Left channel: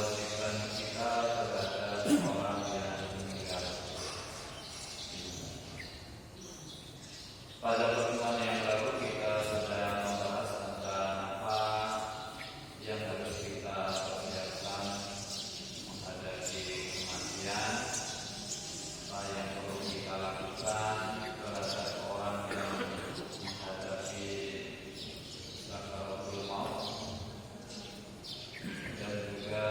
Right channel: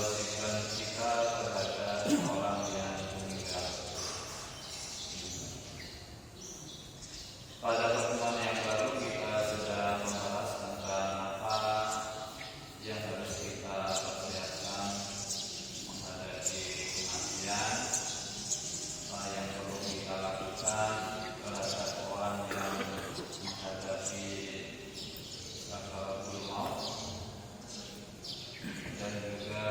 kewajiban kita terhadap orang yang meninggal. Pada pertemuan yang lalu kita sudah membahas tentang apa yang harus kita persiapkan menghadapi kematian, apa yang perlu kita lakukan terhadap orang yang menghadapi sakaratul maut, dan juga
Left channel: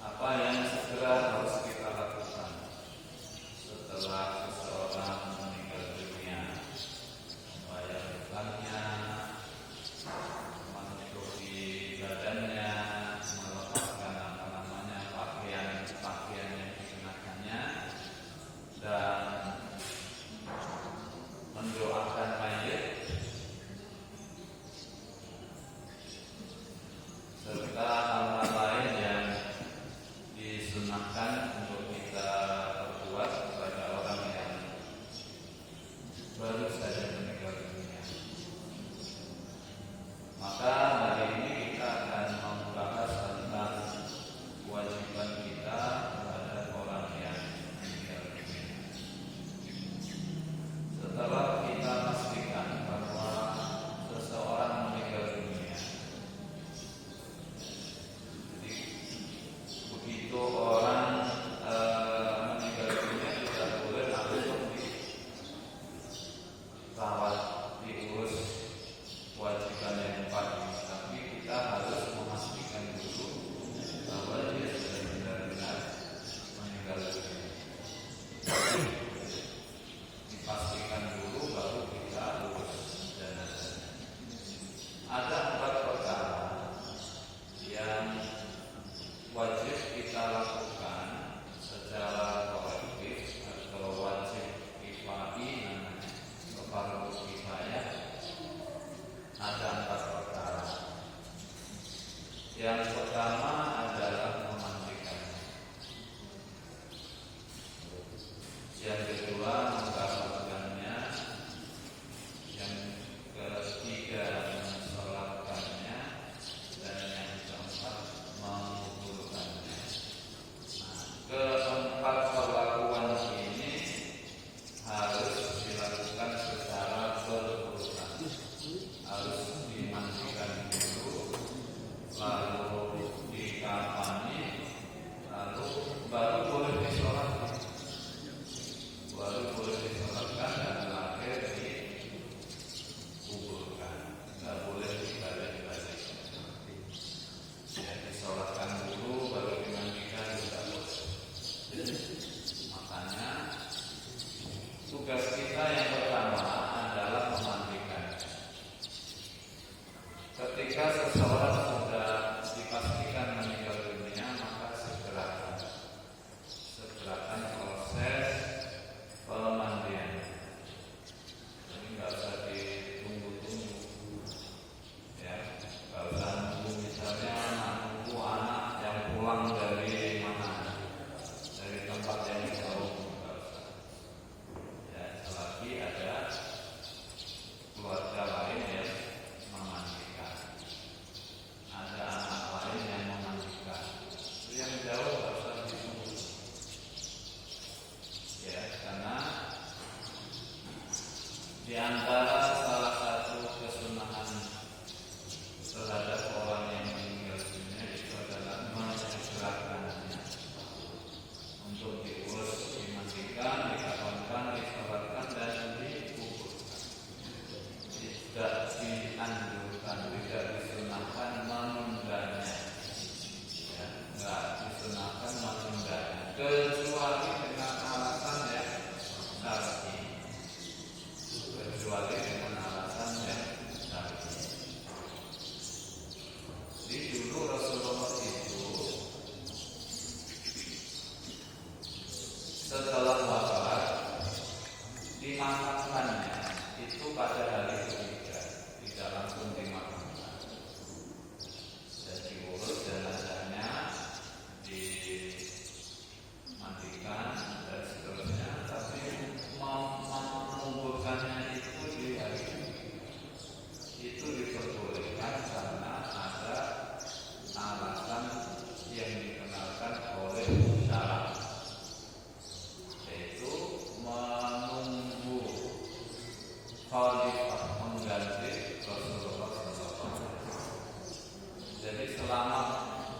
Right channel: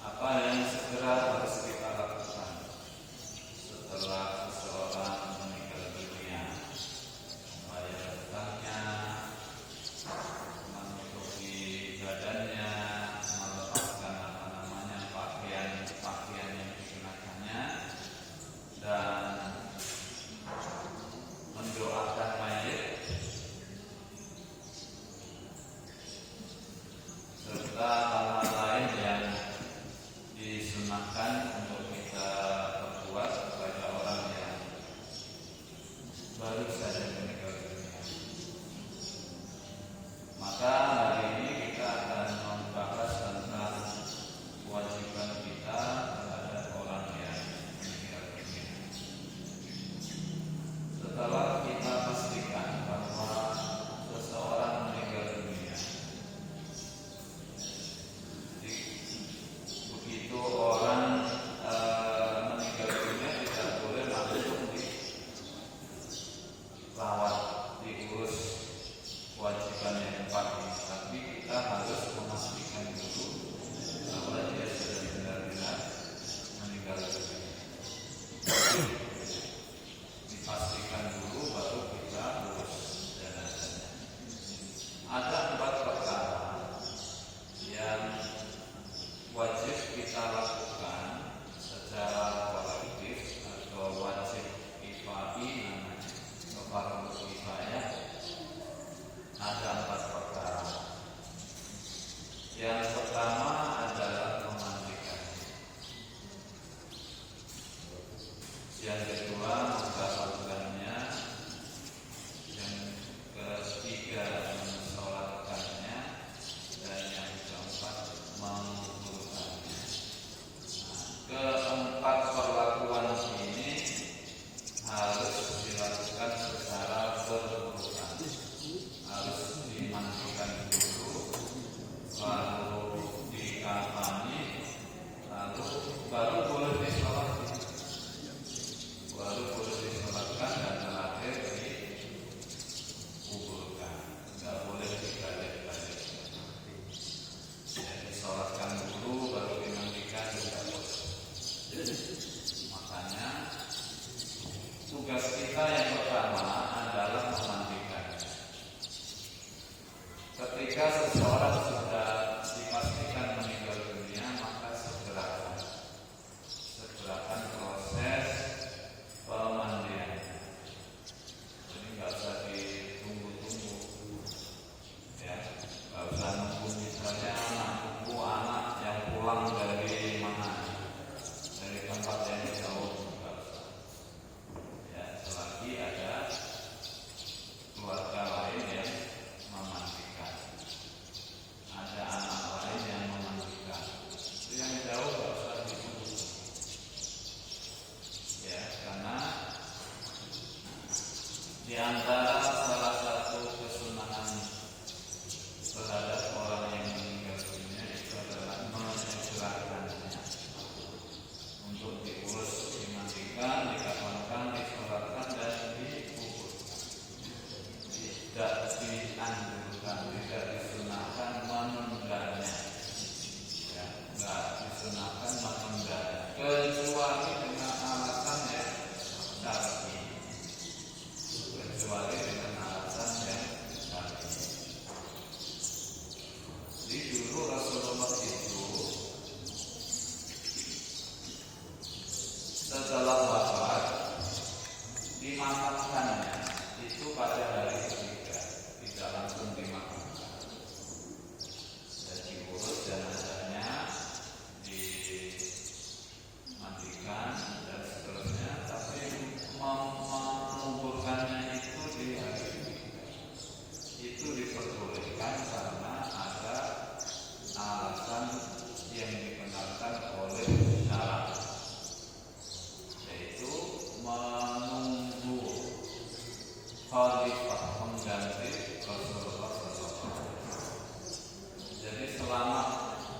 apa yang segera harus kita lakukan setelah seseorang meninggal dunia, membayar hutangnya, menutupi badannya, melepaskan pakaian yang dikenakannya, dan mendoakan mayit, serta hal-hal lain yang disunahkan untuk kita perbuat kepada orang yang baru saja meninggal dunia. Maka hari ini kita akan membahas tentang kewajiban kita terhadap orang yang meninggal dunia. Setelah kita pastikan bahwa seseorang meninggal dunia, begitu orang meninggal dunia tidak boleh langsung dirawat, diurus kewajiban yang pertama, tapi kita harus memastikan dulu bahwa dia sudah benar-benar meninggal dunia. Dipastikan dulu baru kita urus jenazah. Ada 4 perkara yang wajib kita lakukan secara kolektif atau wajib kifai, atau fardu kifayah. Ada 4 perkara. Yang pertama adalah memandikan. Yang kedua mengkafurkannya. Yang ketiga mensolatkannya. Dan yang keempat menguburkannya. Keempat perlakuan ini harus dilakukan secara berurutan. Harus dimandikan dulu, lalu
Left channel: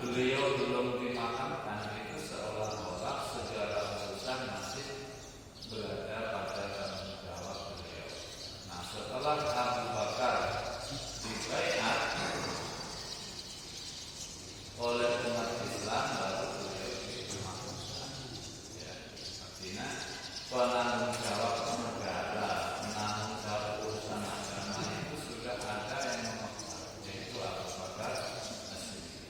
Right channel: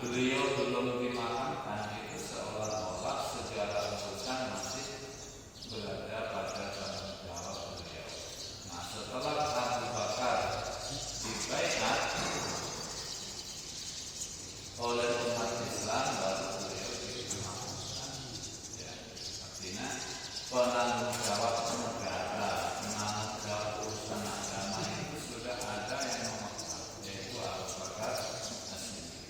beliau belum dimakamkan itu seolah-olah segala urusan masih berada pada tanggung jawab beliau. Nah, setelah Abu Bakar dibaiat oleh umat Islam, baru beliau dimakamkan. Ya, artinya penanggung jawab negara, penanggung jawab urusan agama itu sudah ada yang memegang, yaitu Abu Bakar As-Siddiq.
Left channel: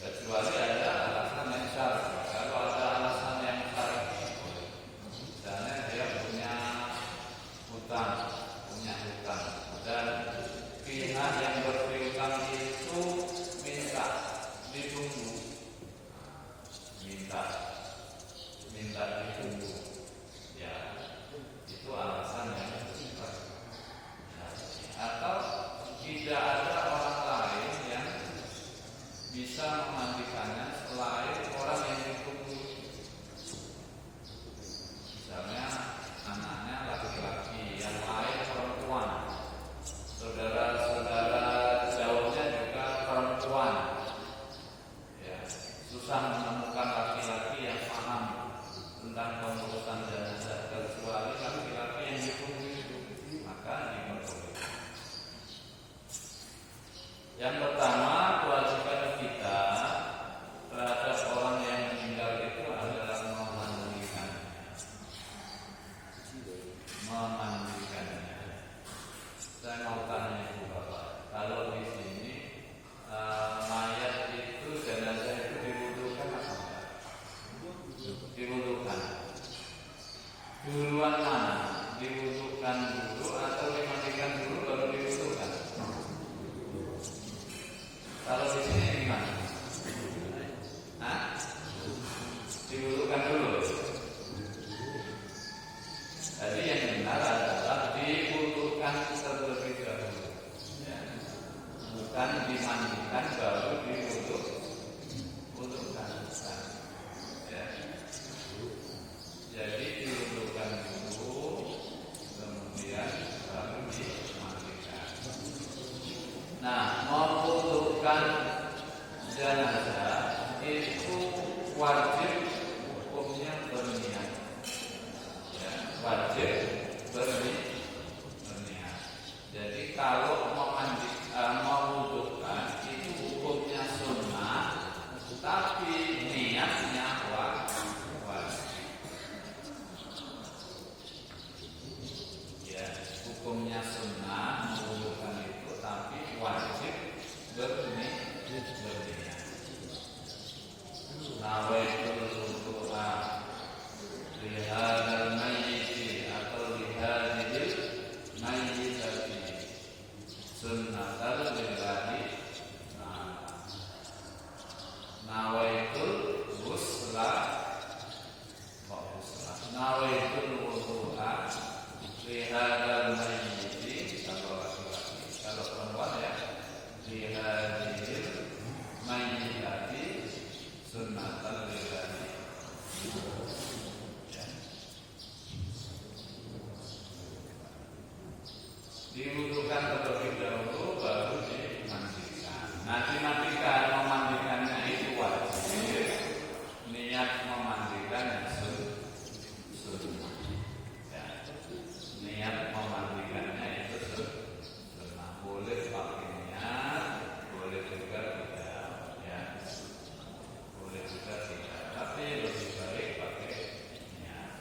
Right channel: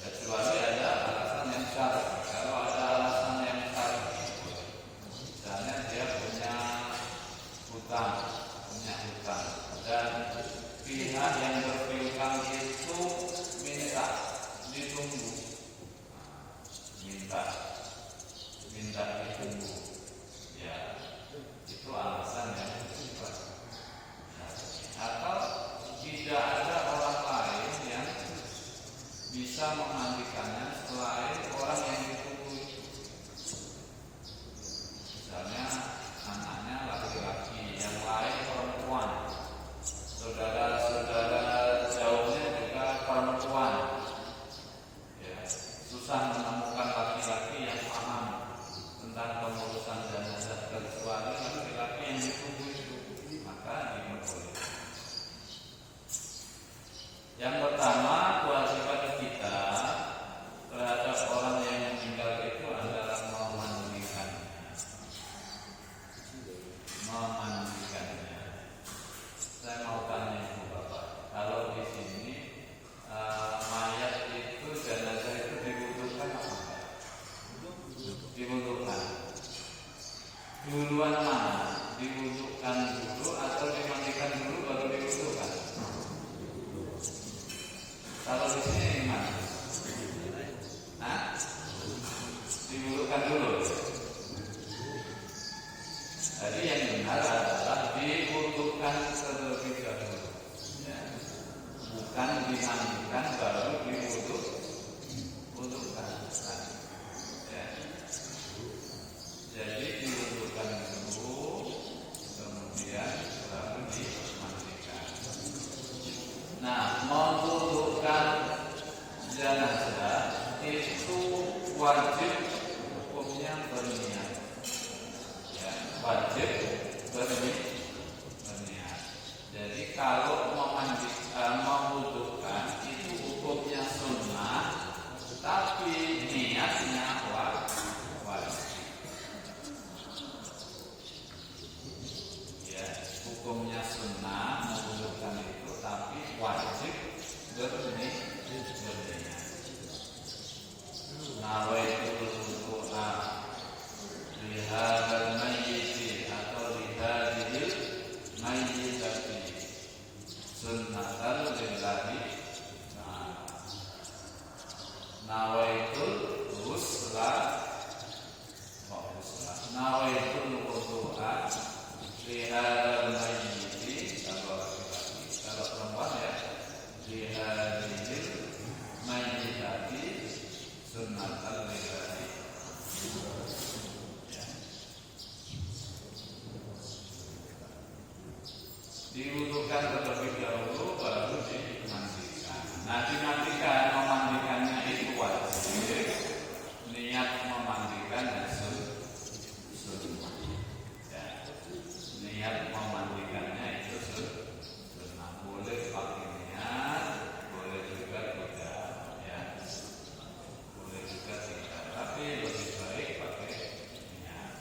Kecuali ada alasan yang syar'i. Kalau ada alasan yang syar'i, misalnya dia punya hutang, dan pihak yang berpiutang itu minta ditunggu, minta ditunggu, ya itu alasan yang bersifat syar'i. Atau tidak ada orang lain yang bisa memandikannya selain orang yang ditunggu. Misalnya anaknya laki-laki, yang lain perempuan, saudara-saudara jauhnya juga perempuan. Ya, susah menemukan laki-laki yang paham tentang pengurusan jenazah kecuali laki-laki yang ditunggu, maka diperbolehkan. Yang pertama, kewajiban kita terhadap orang yang meninggal itu adalah memandikannya. Saya mau tanya ibu bapak, kalau di sini mayat itu, jenazah itu dibutuhkan apa enggak? Dibutuhkan. Duluan mana? Dibutuhkan dulu atau dimandikan dulu baru dibutuhkan? Kalau di sini gimana? Dibutuhkan dulu. Jadi yang benar adalah dibutuhkan terlebih dahulu, ya. Bukan dimandikan baru dibutuhkan, ya. Jadi dibutuhkan dulu, kemudian baru dimandikan. Nah, membutuhkan jenazah itu wajib hukumnya berniat. Ya, wajib berniat. Jadi kalau membutuhkan itu hukumnya sunnah, tapi niatnya wajib. Ya, hukumnya sunnah membutuhkan itu, tapi wajib berniat. Nawaitul wudu'a lihadzal mayyit atau lihadzil mayyitati sunnatan lillahi ta'ala. Nawaitul wusla nawaitul wudu'a lihadzal mayyit, kalau laki-laki, kalau perempuan ya lihadzil mayyitati sunnatan lillahi. Dibutuhkan terlebih dahulu baru dimandikan. Nah, memandikannya itu wajib. Niat memandikan sunnah. Ya. Niat memandikannya itu sunnah. Boleh pakai niat, boleh juga tidak. Ya. Boleh juga tidak. Tapi lebih baik pakai niat.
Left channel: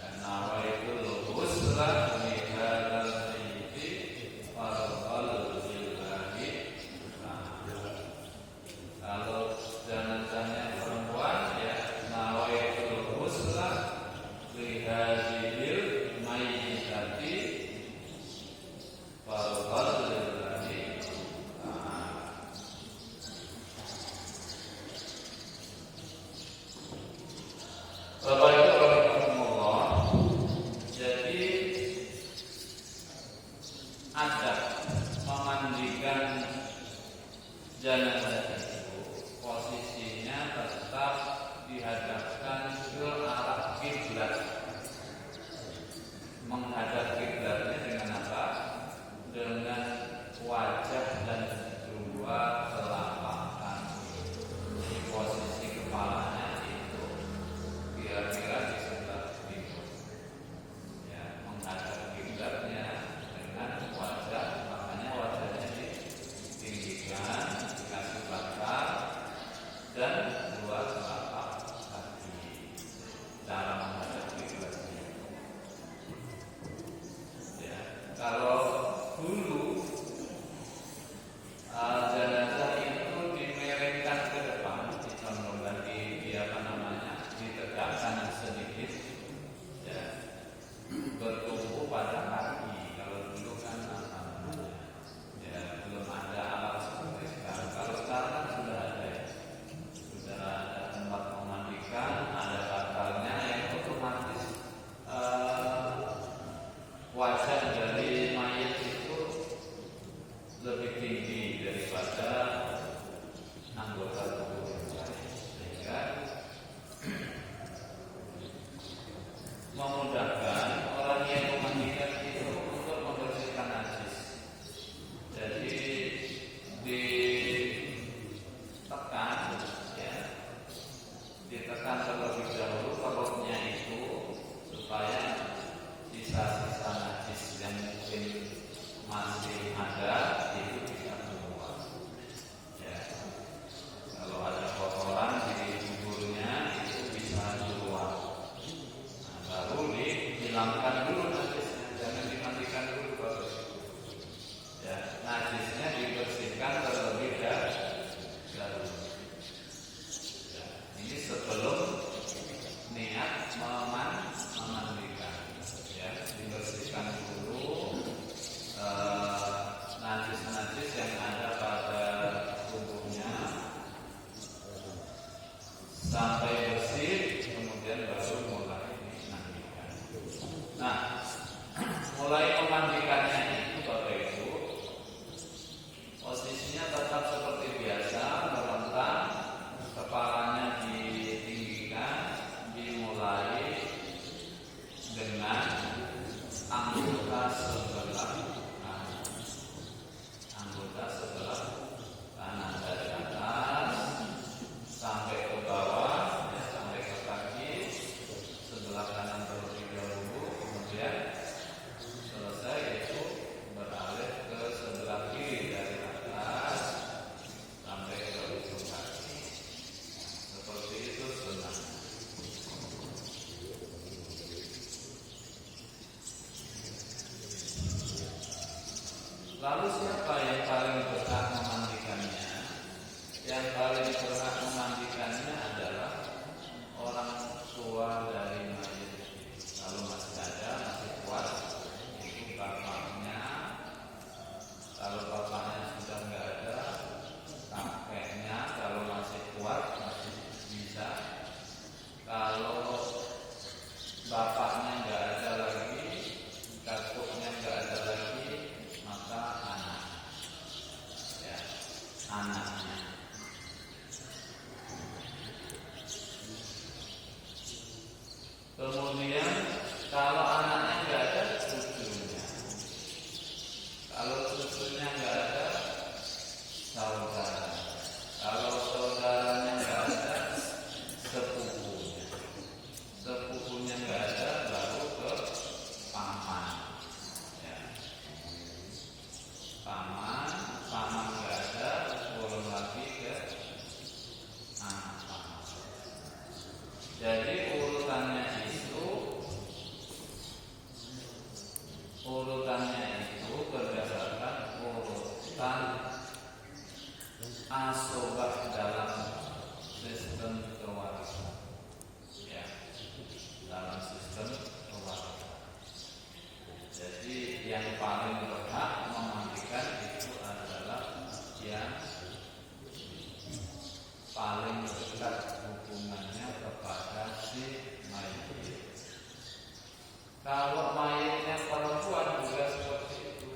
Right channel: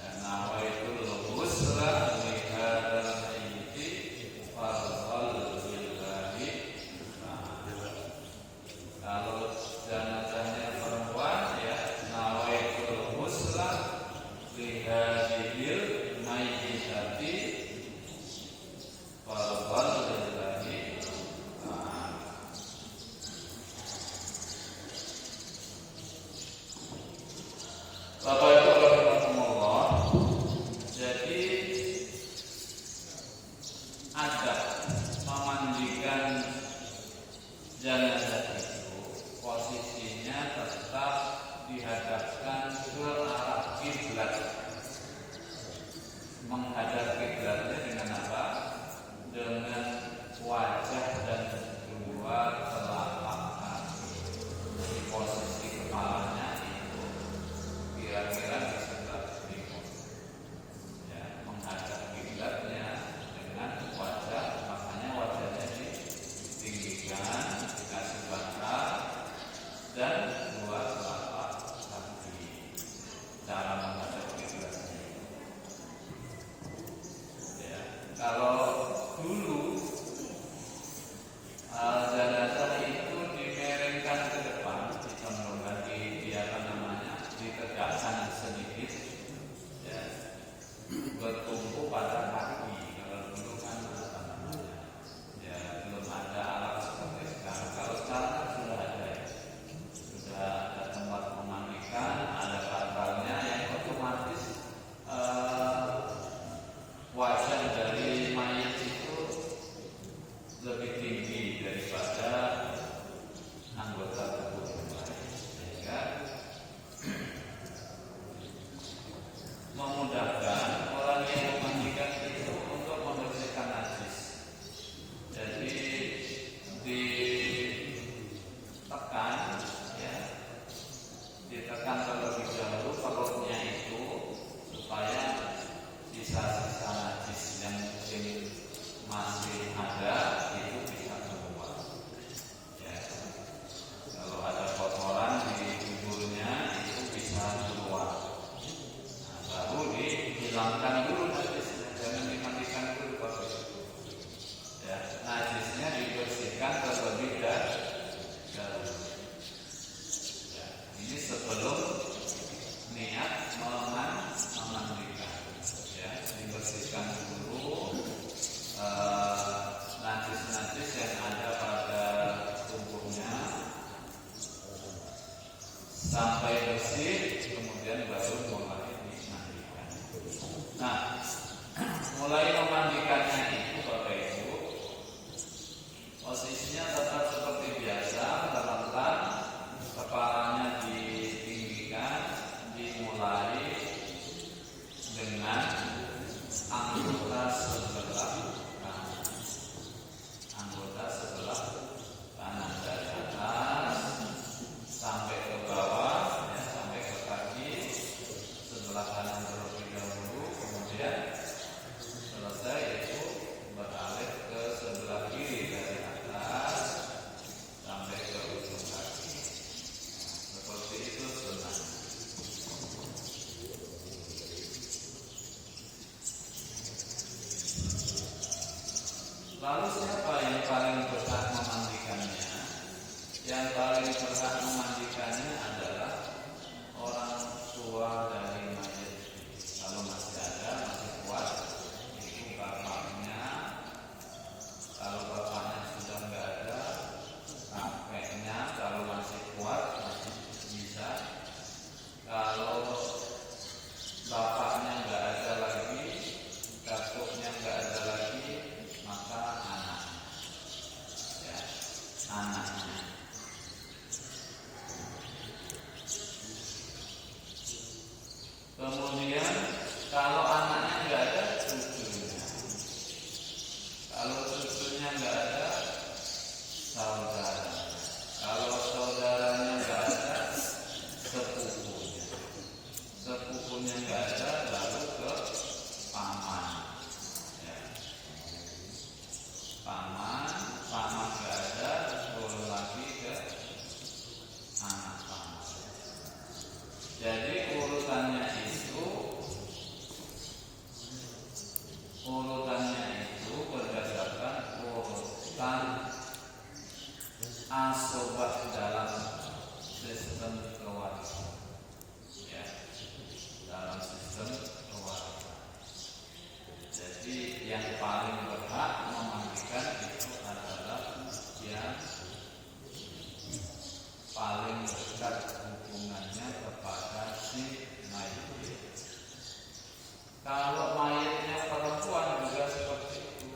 Dan nawaitul ghusla kalau jenazahnya perempuan ya nawaitul ghusla lihadzil mayyitati fardhan lillahi. Bapak Ibu rahimahumullah, jadi ada memandikan jenazah itu posisinya tetap dihadapkan ke arah kiblat. Menghadap kiblatnya dengan apa? Dengan wajah dan kedua asobah dalam sistem kewarisan, ya, dalam sistem kewarisan. Jadi yang paling berhak memandikan itu adalah yang paling dekat hubungannya kepada si mayit. Kalau mayitnya perempuan juga seperti itu,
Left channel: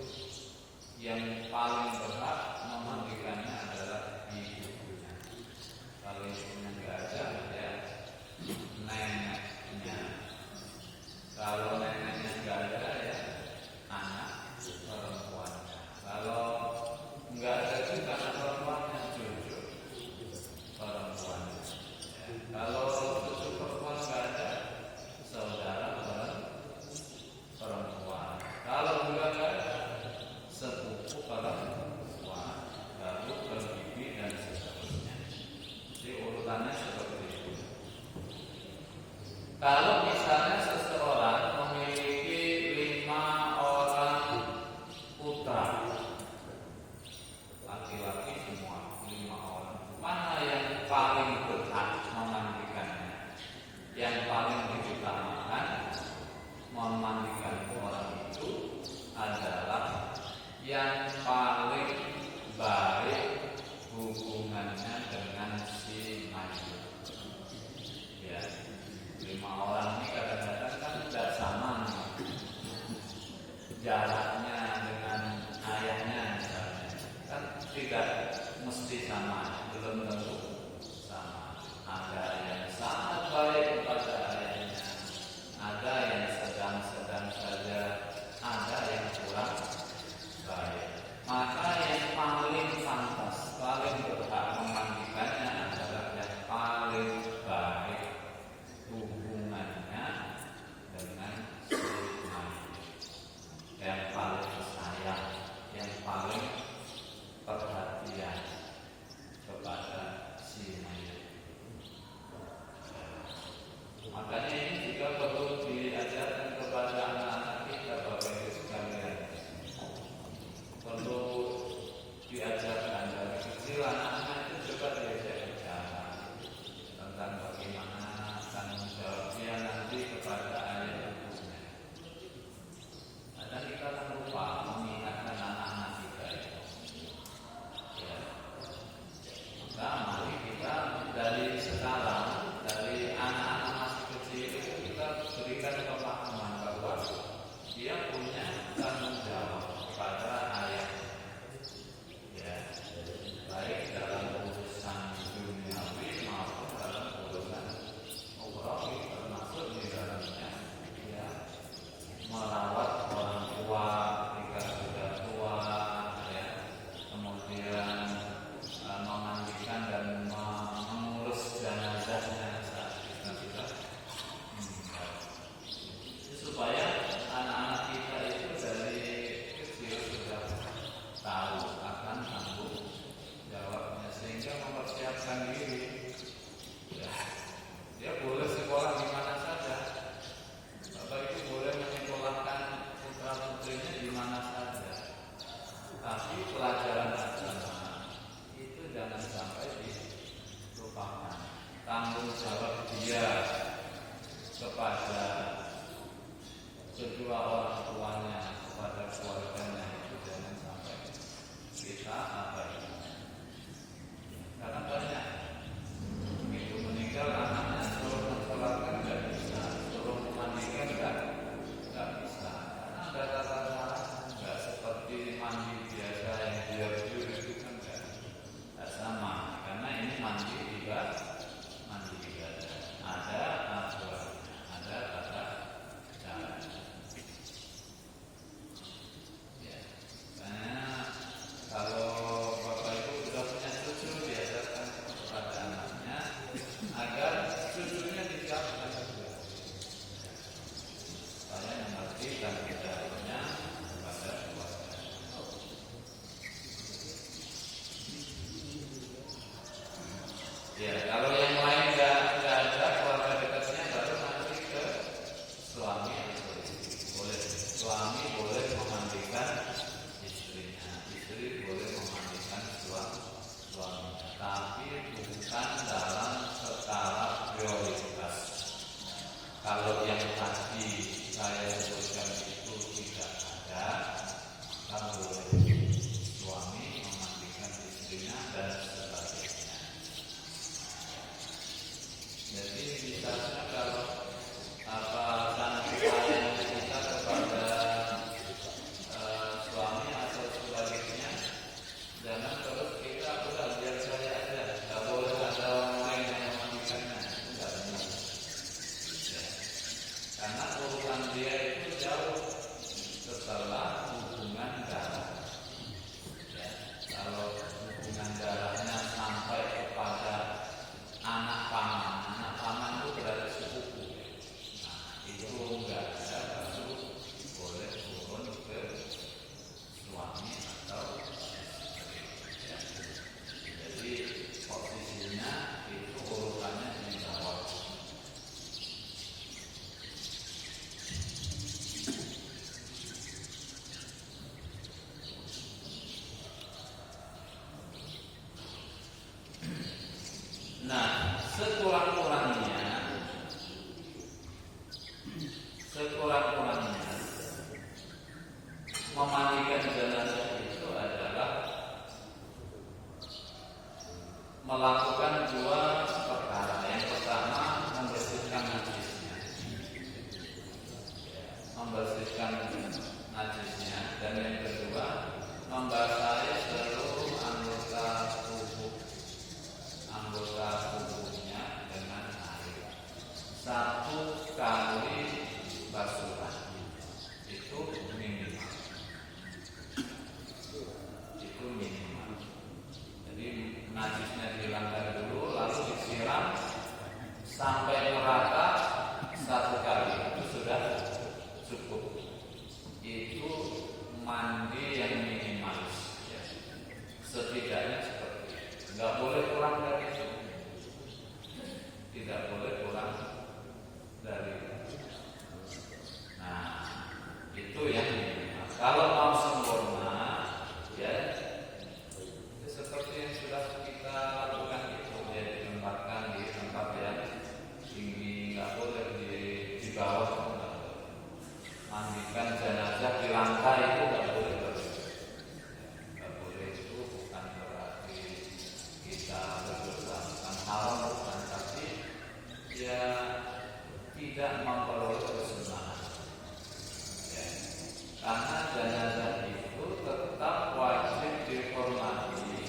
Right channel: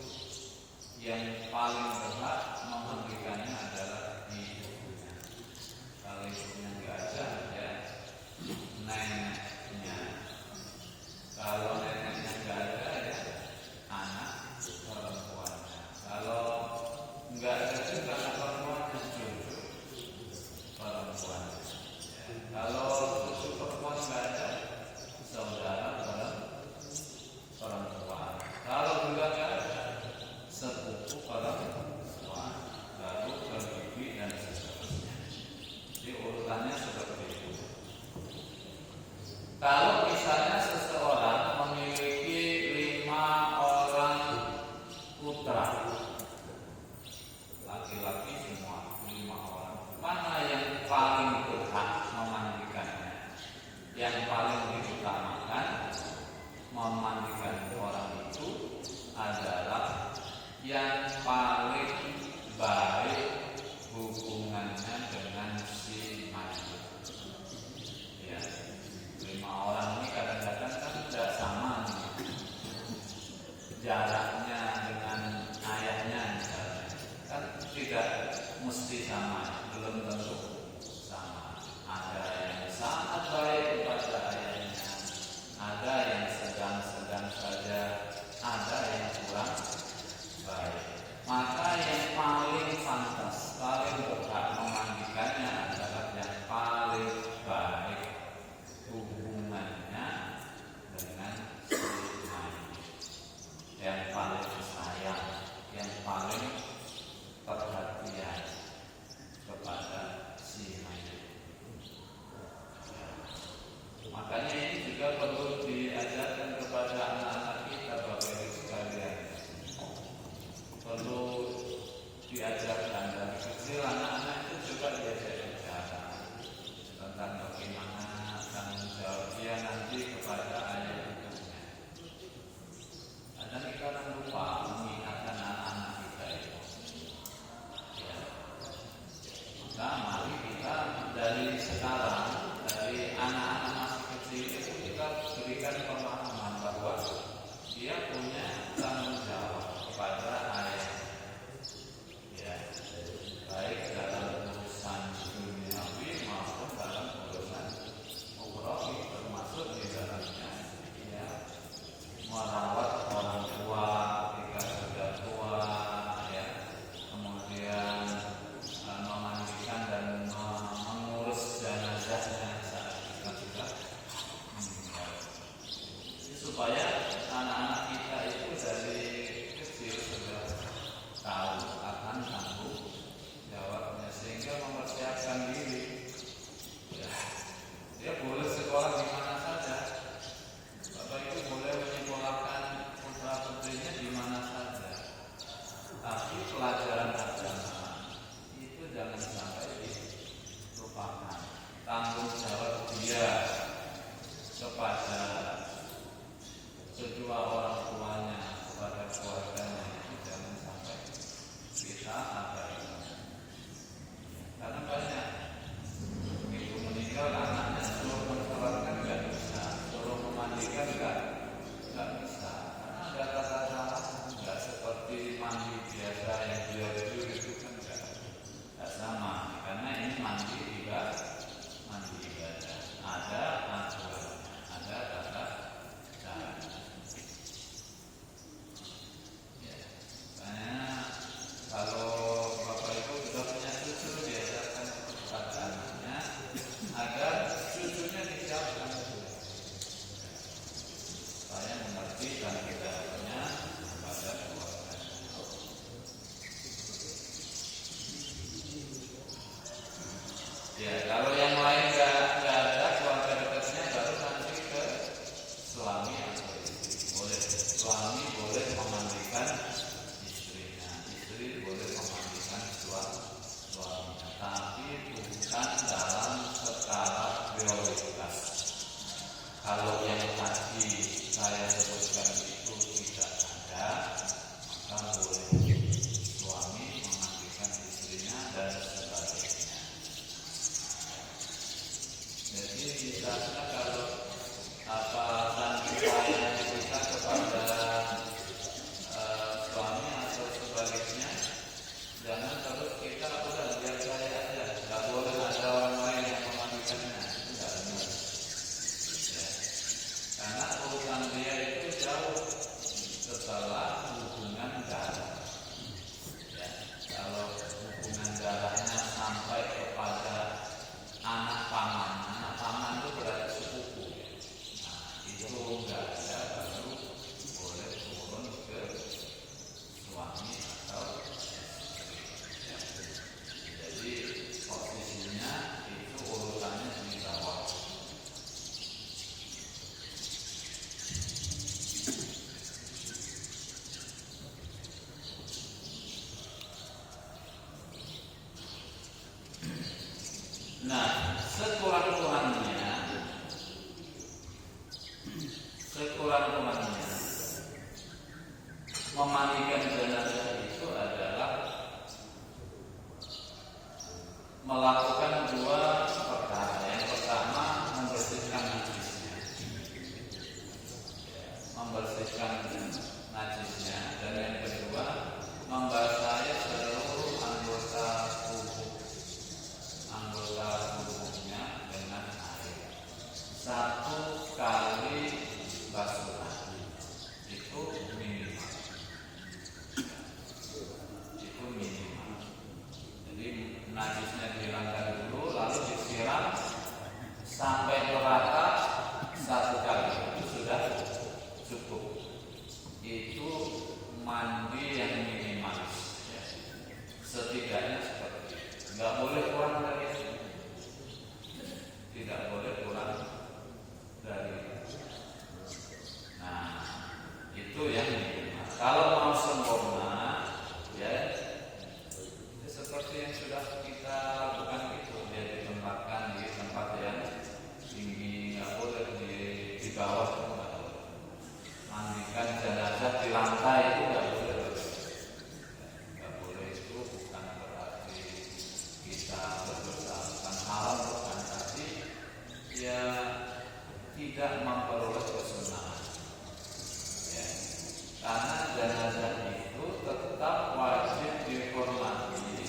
yang paling berhak memandikannya adalah ibunya. Kalau ibunya nggak ada, ya neneknya. Kalau neneknya nggak ada, ya anak perempuan. Kalau nggak ada juga anak perempuannya, cucu perempuan. Ya. Kalau cucu perempuan nggak ada, saudara perempuan. Kalau nggak ada, sepupu perempuan, lalu berbibi dan seterusnya. Jadi urutannya seperti itu. Kalau misalnya seseorang memiliki 5 orang putra, laki-laki semua 5 orang, mana yang paling berhak memandikannya? Yang paling diutamakan memandikan orang itu adalah yang paling baik hubungannya dengan si mayit. Ya, 5 orang ini kadang-kadang kan tidak sama jaraknya dengan ayahnya, misalnya kan tidak mesti sama, belum tentu sama. Ada yang sangat baik kepada ayahnya, ada yang sedang-sedang saja, ada yang kurang baik. Maka yang paling pantas, paling berhak memandikannya adalah yang paling baik hubungannya dengan si mayit, yang paling sayang, yang paling perhatian kepada si mayit. Makanya ini juga perlu diajarkan kepada anak-anak kita, Bapak Ibu sekalian. Perlu diajarkan dari kecil, anak-anak itu juga diajarkan cara tentang bagaimana tanggung jawab dia nanti kepada ayah ibunya. Kadang kita lupa mengingatkan anak-anak kita itu. Ya. Maka mari kita dari sekarang, dari anak-anak masih kecil itu kita berikan pemahaman bahwa dia punya tanggung jawab kepada ayah. Ya, baik dalam urusan duniawi maupun dalam urusan ukhrawi, termasuk di dalamnya ya merawat orang tua ketika sudah tua, ya, kemudian memandikan dan mengurus jenazahnya saat kita sudah meninggal. Supaya anak-anak kita itu dari kecil sudah tahu akan tanggung jawabnya, sehingga mempersiapkan diri. Ya, dia boleh sekolah di mana saja. Bapak Ibu boleh menyekolahkan putra putrinya di mana saja. Tapi pelajaran agama itu jangan sampai dilupakan. Tanggung jawab dia kepada kedua orang tuanya, kepada keluarganya itu jangan sampai kita abaikan. Karena banyak ibu meninggal, anaknya suruh mensolatkan nggak bisa, suruh memandikan nggak bisa. Karena ada kata-kata nggak seperti mandi biasa yang dia itu kan nggak sama. Karena ini mandi ibadah, ada aturan, ada tata cara. Ya, karena kalau Bapak Ibu sudah punya cucu, diajarkan kepada anaknya agar cucunya disiapkan juga, supaya mengerti dan tidaknya kepada keluarga. Ya, kalau yang lain nggak ada keluarga dekatnya, baru nanti ke suami atau istri. Boleh suami boleh memandikan istrinya, istri boleh memandikan suami. dimasukkan dalam skala prioritas. Kalau yang tadi saya sebutkan itu tidak ada, kan boleh suami memandikan istrinya dan sebagainya. Jadi misalnya kalau tanggung pelayanan kita kepada suami atau sebaliknya, jangan terus kita udah biar saya aja, nggak boleh ada orang lain yang memandikannya, itu nggak benar. Ya. Karena urusan dia itu jauh setelah hubungan darah. Ya. Kalau hubungan darahnya sampai kepada anak paman itu berarti sepupu. Nah, itu enggak ada, baru boleh turun ke suami atau istri. Ya. Jadi posisinya itu urutannya di bawah. Nah, sekurang-kurangnya memandikan jenazah itu adalah melakukan dua perkara. Yang pertama, membersihkan najisnya, dan yang kedua, membasahi seluruh anggota tubuhnya dengan air. 1 kali basuhan itu minimal. Jadi najisnya dihilangkan dulu, lalu disiram sampai merata 1 kali, itu sudah cukup. Itu mandi yang minimalis, ya. Setidaknya seperti itu. Nggak boleh kurang dari itu. Tidak boleh kurang dari itu. Nah, itu yang minimal. Kalau mau sempurna, ya seperti yang sudah kita lakukan itu, ya ditempatkan di tempat yang tinggi, nggak boleh di bawah. Mandikan jenazah di lantai itu nggak boleh. Nggak boleh, itu bukan berarti kita berdosa, bukan haram, bukan, tapi ya tidak memperoleh kesunahan. Ya. Karena jenazah itu tetap wajib dihormati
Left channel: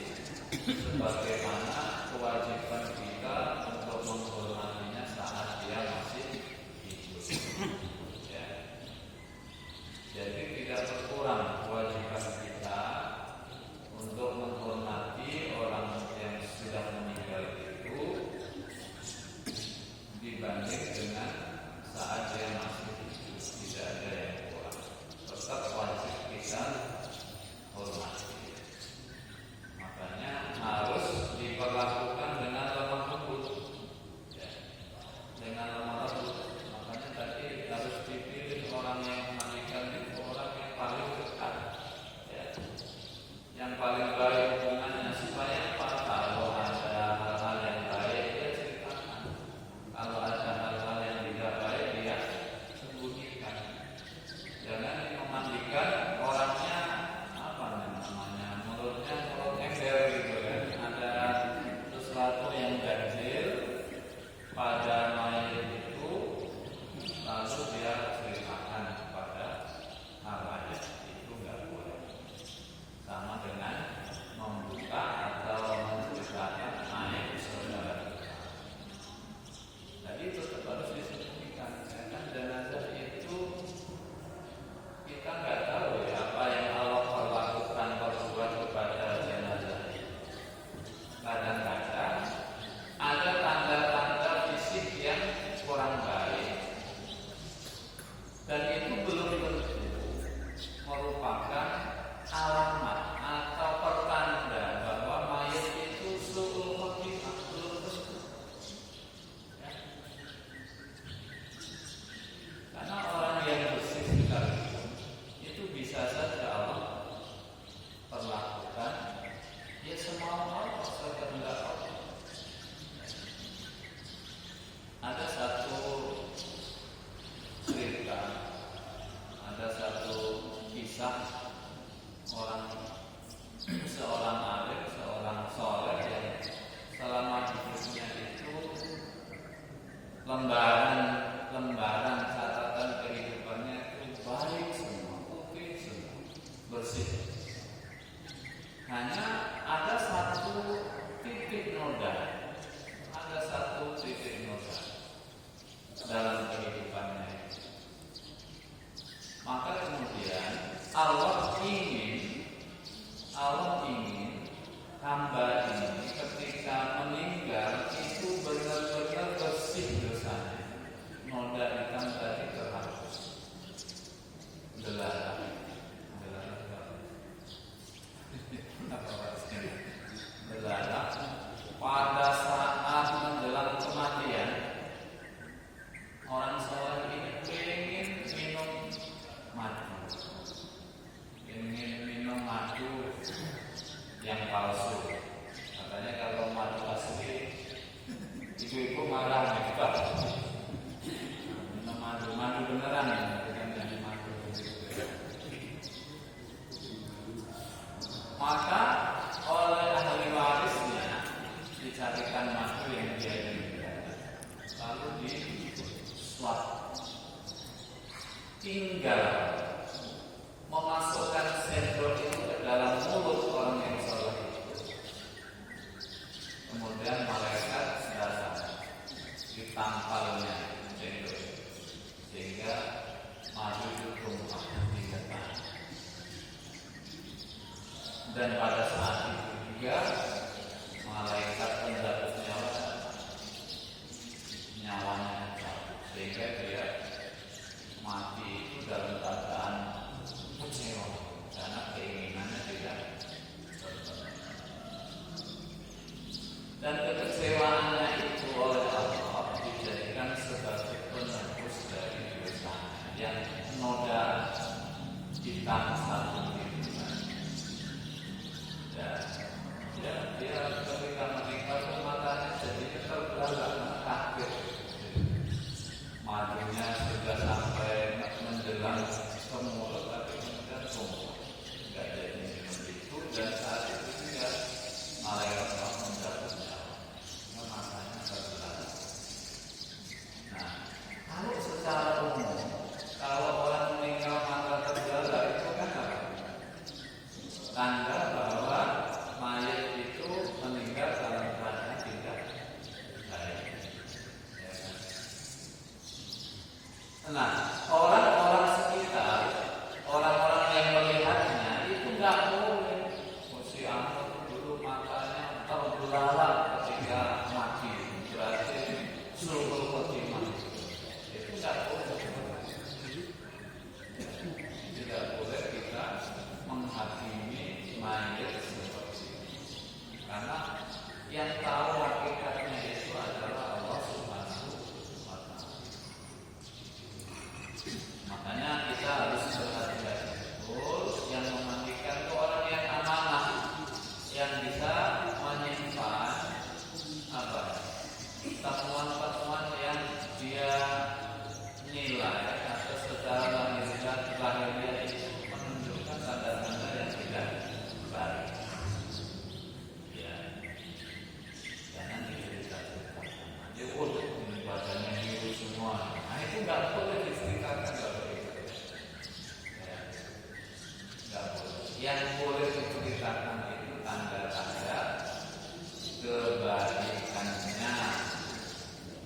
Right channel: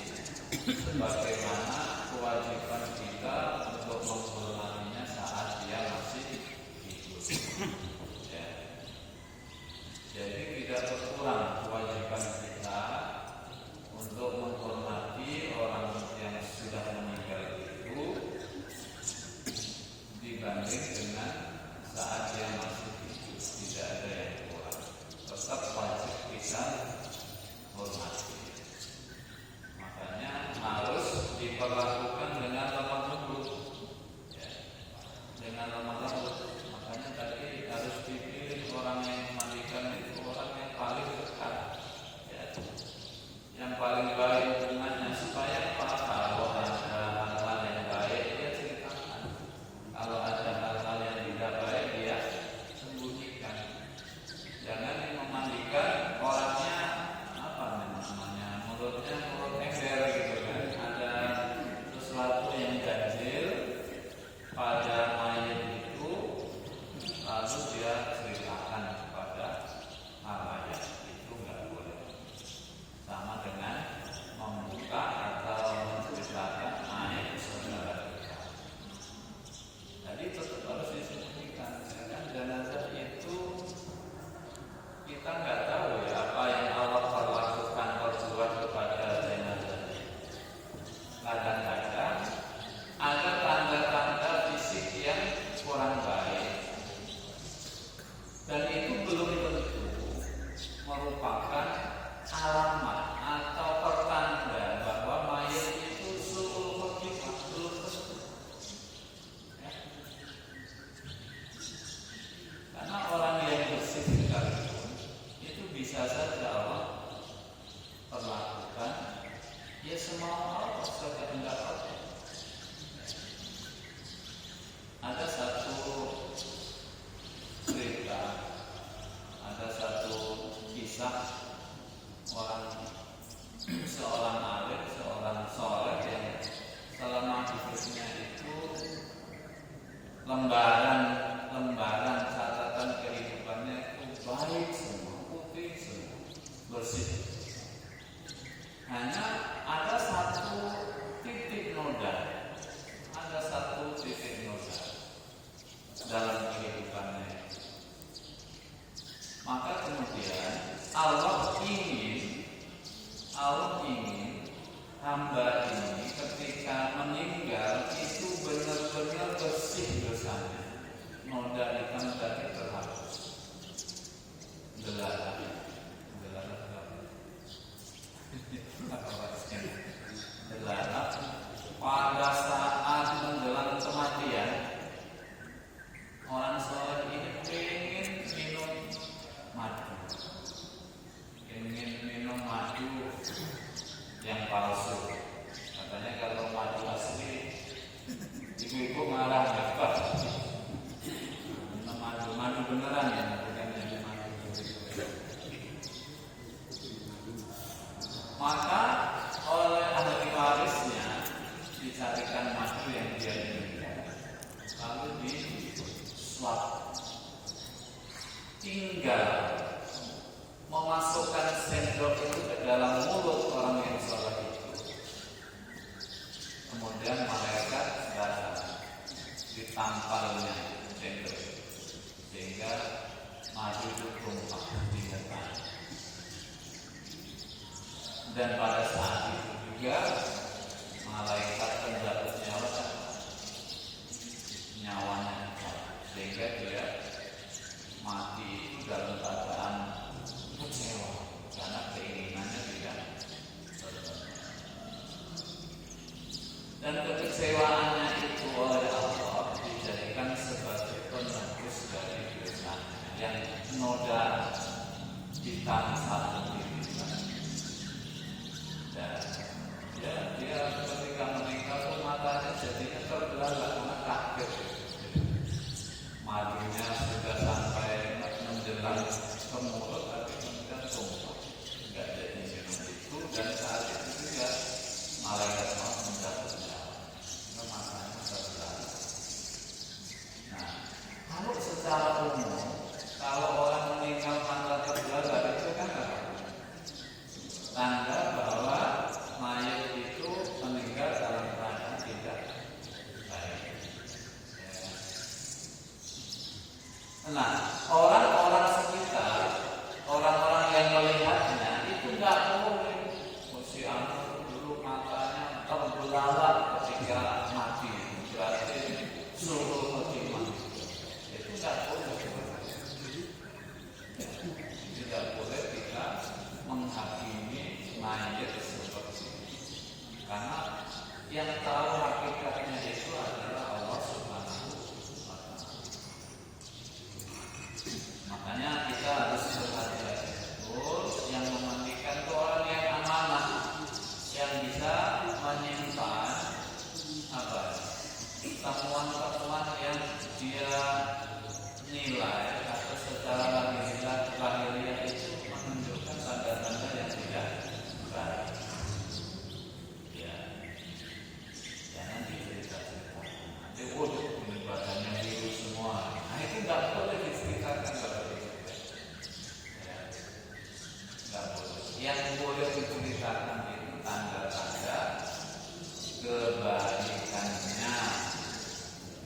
sebagaimana kewajiban kita untuk menghormatinya saat dia masih hidup. Ya. Jadi tidak berkurang kewajiban kita untuk menghormati orang yang sudah meninggal itu dibanding dengan saat dia masih hidup. Tidak ada yang kurang, tetap wajib kita hormati. Makanya harus diperlakukan dengan lemah lembut, ya, dengan lemah lembut. Makanya tadi harus dipilih orang yang memandikan itu orang lembaran catatan kehidupannya itu baik semua, putih semua, bersih. Hanya ada satu titik noda dalam kehidupannya. Maka kemudian Allah ingin hamba ini ketika meninggal itu benar-benar bersih dosanya. Noda hitam tadi terhapus. Belara apa maksudnya? Belara pada saat menjelang kematian, orang soleh ini ingin minum madu yang palsu. Katanya kalau madu asli, ibu-ibu marah hebat. Minum madu beneran ya, bukan hanya madu. Maka oleh ahli warisnya dicarikan madu yang dia inginkan, lalu diswab. Tinggal memasukkan sendok itu ke dalam mulut orang yang soleh itu. Kemudian malaikat ditampalnya sendok sehingga madu itu tumpah di depan. Dan pada saat itu juga malaikat mencabut nyawanya sehingga dia mati dalam keadaan kecewa karena keinginannya tidak terpenuhi. Dan kekecewaannya itu oleh Allah dijadikan sebagai penebus dari dosanya yang noda hitam satu ini. Dan dia ketika meninggal matanya jadi terbelalak karena kaget. Madunya sudah sampai menjelang ke mulut, tapi kemudian tumpah, nggak jadi minum itu. Dan saat itu juga malaikat menjatuhkan, matanya terbelalak. Nah, kalau secara umum, kalau orang meninggal mata terbelalak itu kan apa? Tanda bahwa mayat itu meninggal dalam keadaan tidak baik. Nah, orang-orang sekitar, orang-orang yang melihatnya itu nggak boleh. Si anak dulu matanya terbelalak ketika mati, berarti suruh khotimah. Itu nggak boleh. Tidak boleh kita menghakimi mayat seperti ini, karena yang tahu hakikatnya itu adalah Allah Subhanahu wa Ta'ala. Makanya kita harus berhati-hati betul. Yang memandikan itu orang yang amanah, yang bisa menyimpan temuan-temuan yang dia nilai atau secara lahiriah itu menunjukkan tanda-tanda yang tidak baik. Ya, jangan diceritakan. Ini badannya biru semua. Nah, itu nggak boleh diceritakan, nggak boleh. Ya, nggak boleh. Yang boleh diceritakan itu tanda-tanda kebaikannya.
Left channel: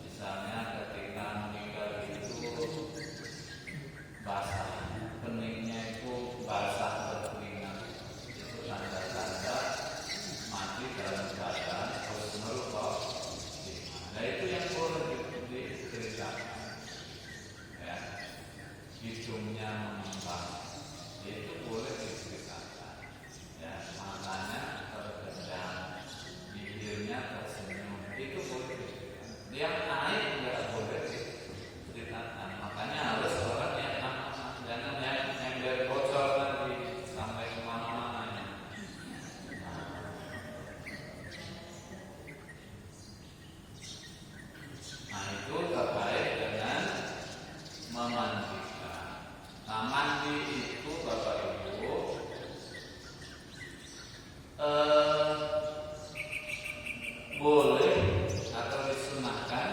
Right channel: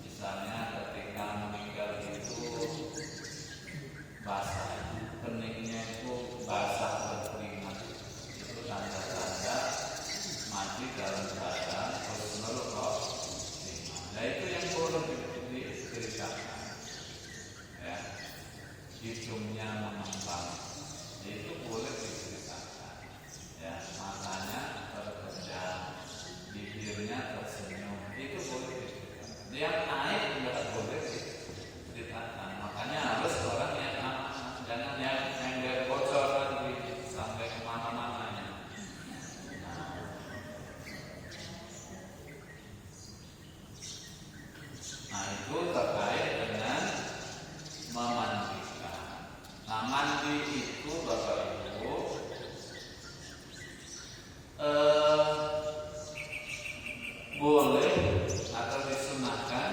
Misalnya ketika meninggal itu basah, keningnya itu basah berkeringat, itu tanda-tanda mati dalam keadaan husnul khotimah. Nah, itu yang boleh diceritakan. Ya, hidungnya memantau, itu boleh diceritakan. Ya, matanya terpejam, bibirnya tersenyum, itu boleh diceritakan. Yang naik nggak boleh diceritakan. Makanya harus orang yang bocor sampai kemana-mana. Nah, itu terkait dengan memandikan. Nah, mandi itu Bapak Ibu boleh atau disunahkan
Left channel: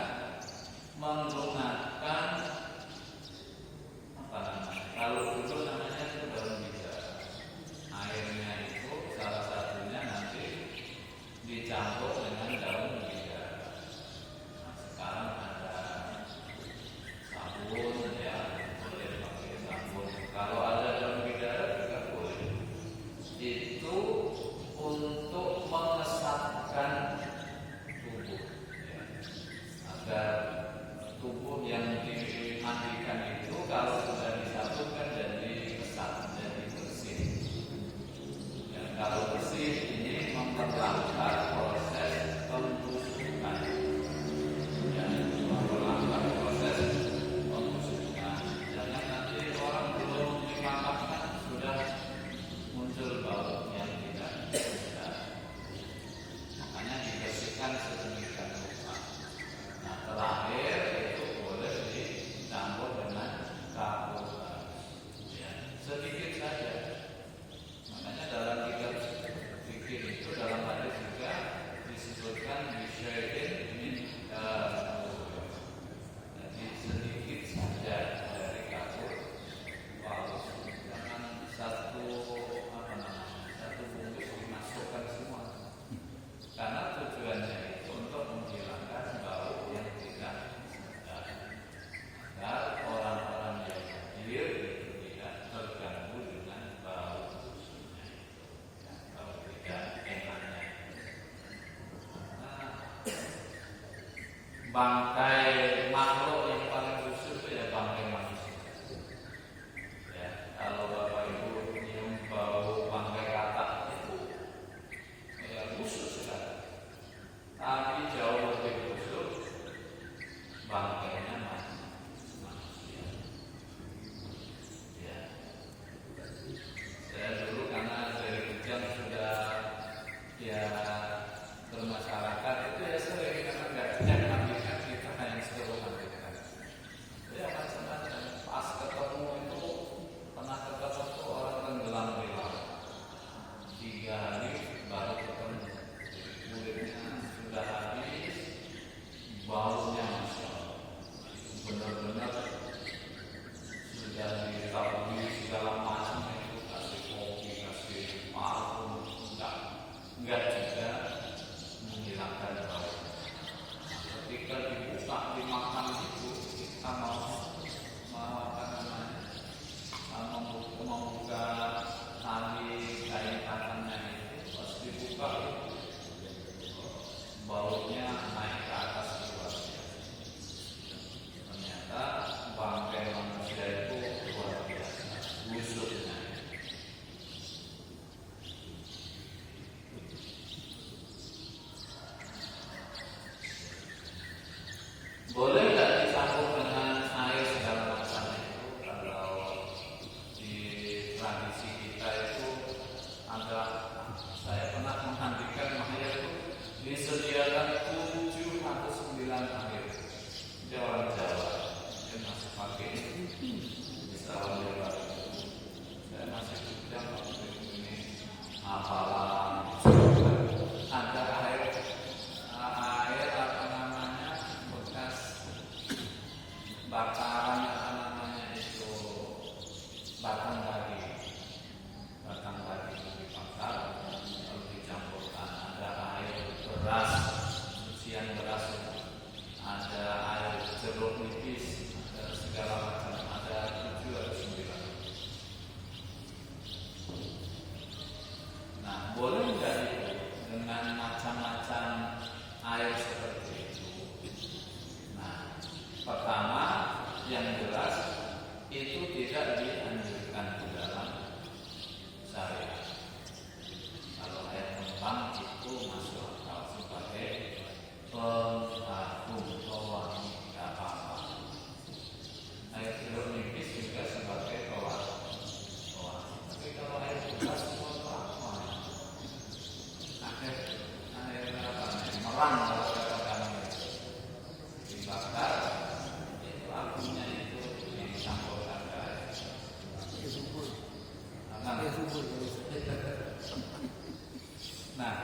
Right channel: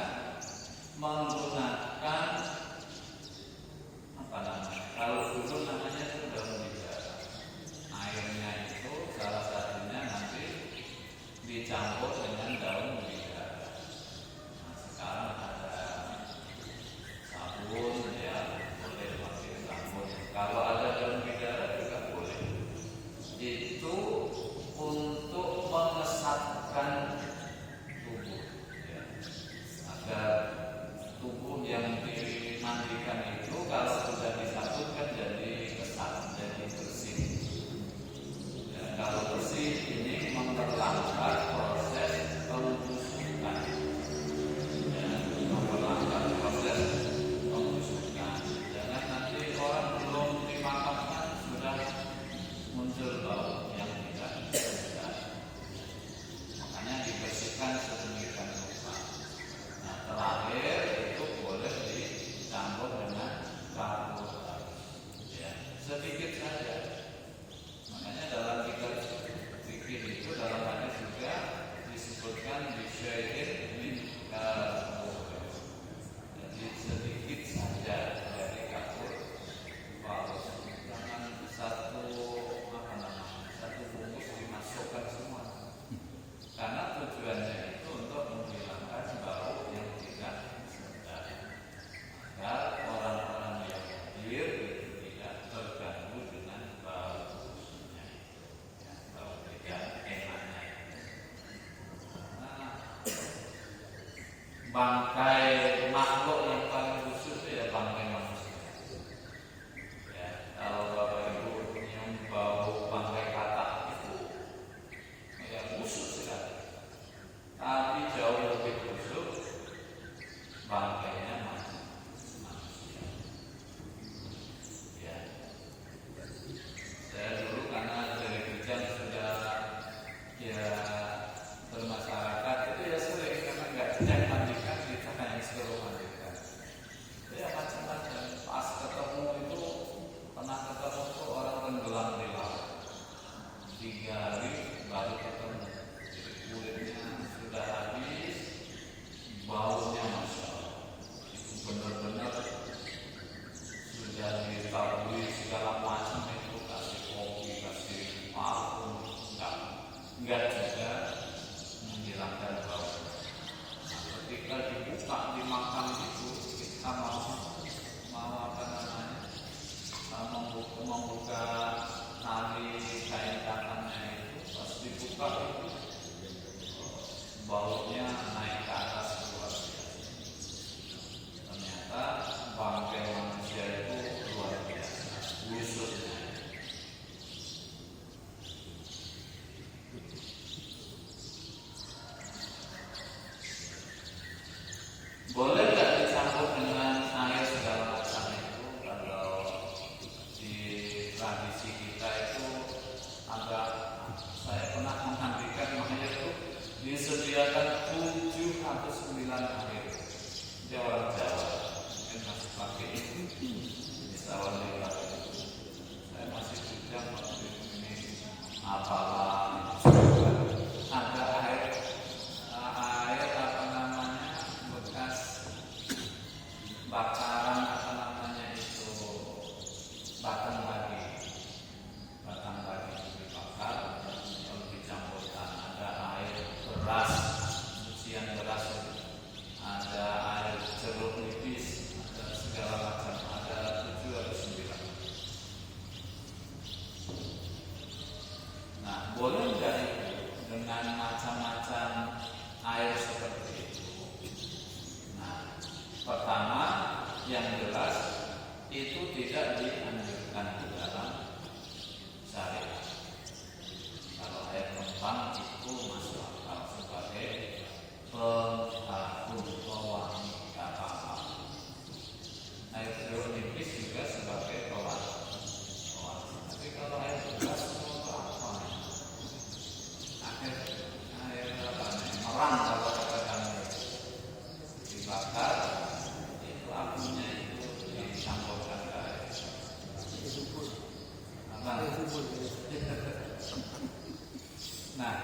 bangkai makhluk yang paling busuk itu ya bangkai manusia. Ya, kalau Bapak Ibu nyium bau bangkai katak itu ya busuk sekali. Tapi jauh lebih busuk bangkainya manusia. Ya. Saya dulu karena dari kecil sudah ya bermasyarakat itu ya sering karena nggak banyak mandikan kita hanya suruh mandikan. Ya macam-macam. Pas ketemu itu pernah ketemu tuh orang tenggelam di laut. 3 hari baru ketemu. Jadi kulitnya sudah habis, baunya masya Allah. Itu benar-benar sudah ditaburi segala macam itu, kasih kopi, kasih parfum, enggak juga menghilangkan bau. Ketika dibuka dimakan itu kita mau apa namanya membuka tali kain tangannya itu pas dibuka baunya naik ke atas luar biasa. Ternyata bangkai manusia itu luar biasa busuknya. Boleh nggak dicampur dengan air segala macam itu? Kalau di tradisi kita itu ada, saya pernah memandikan makanya itu disediakan 7 atau 9 air. Di orang Jawa mungkin masih pakai wisatawan lewat. Saya masih juga ini apalah ada air apa namanya bekas bakaran apa namanya itu batang bagi itu dibakar lalu dicampurkan ada air beras cucian beras ada air jeruk nipis ada segala macam ada 7 atau 9. Nah boleh nggak itu dengan macam-macam air seperti itu? Nah, pertama yang jelas itu tidak dianjurkan di dalam syariat. Kalau air mempang itu masuk akal sebagai pengharum pewangi nggak apa-apa. Air jeruk nipis juga sebagai pewangi. Tapi kalau air beras itu apa? Air apa? Merang kalau kata kami dibakar itu apinya itu yang dicampurkan ke air. Nah,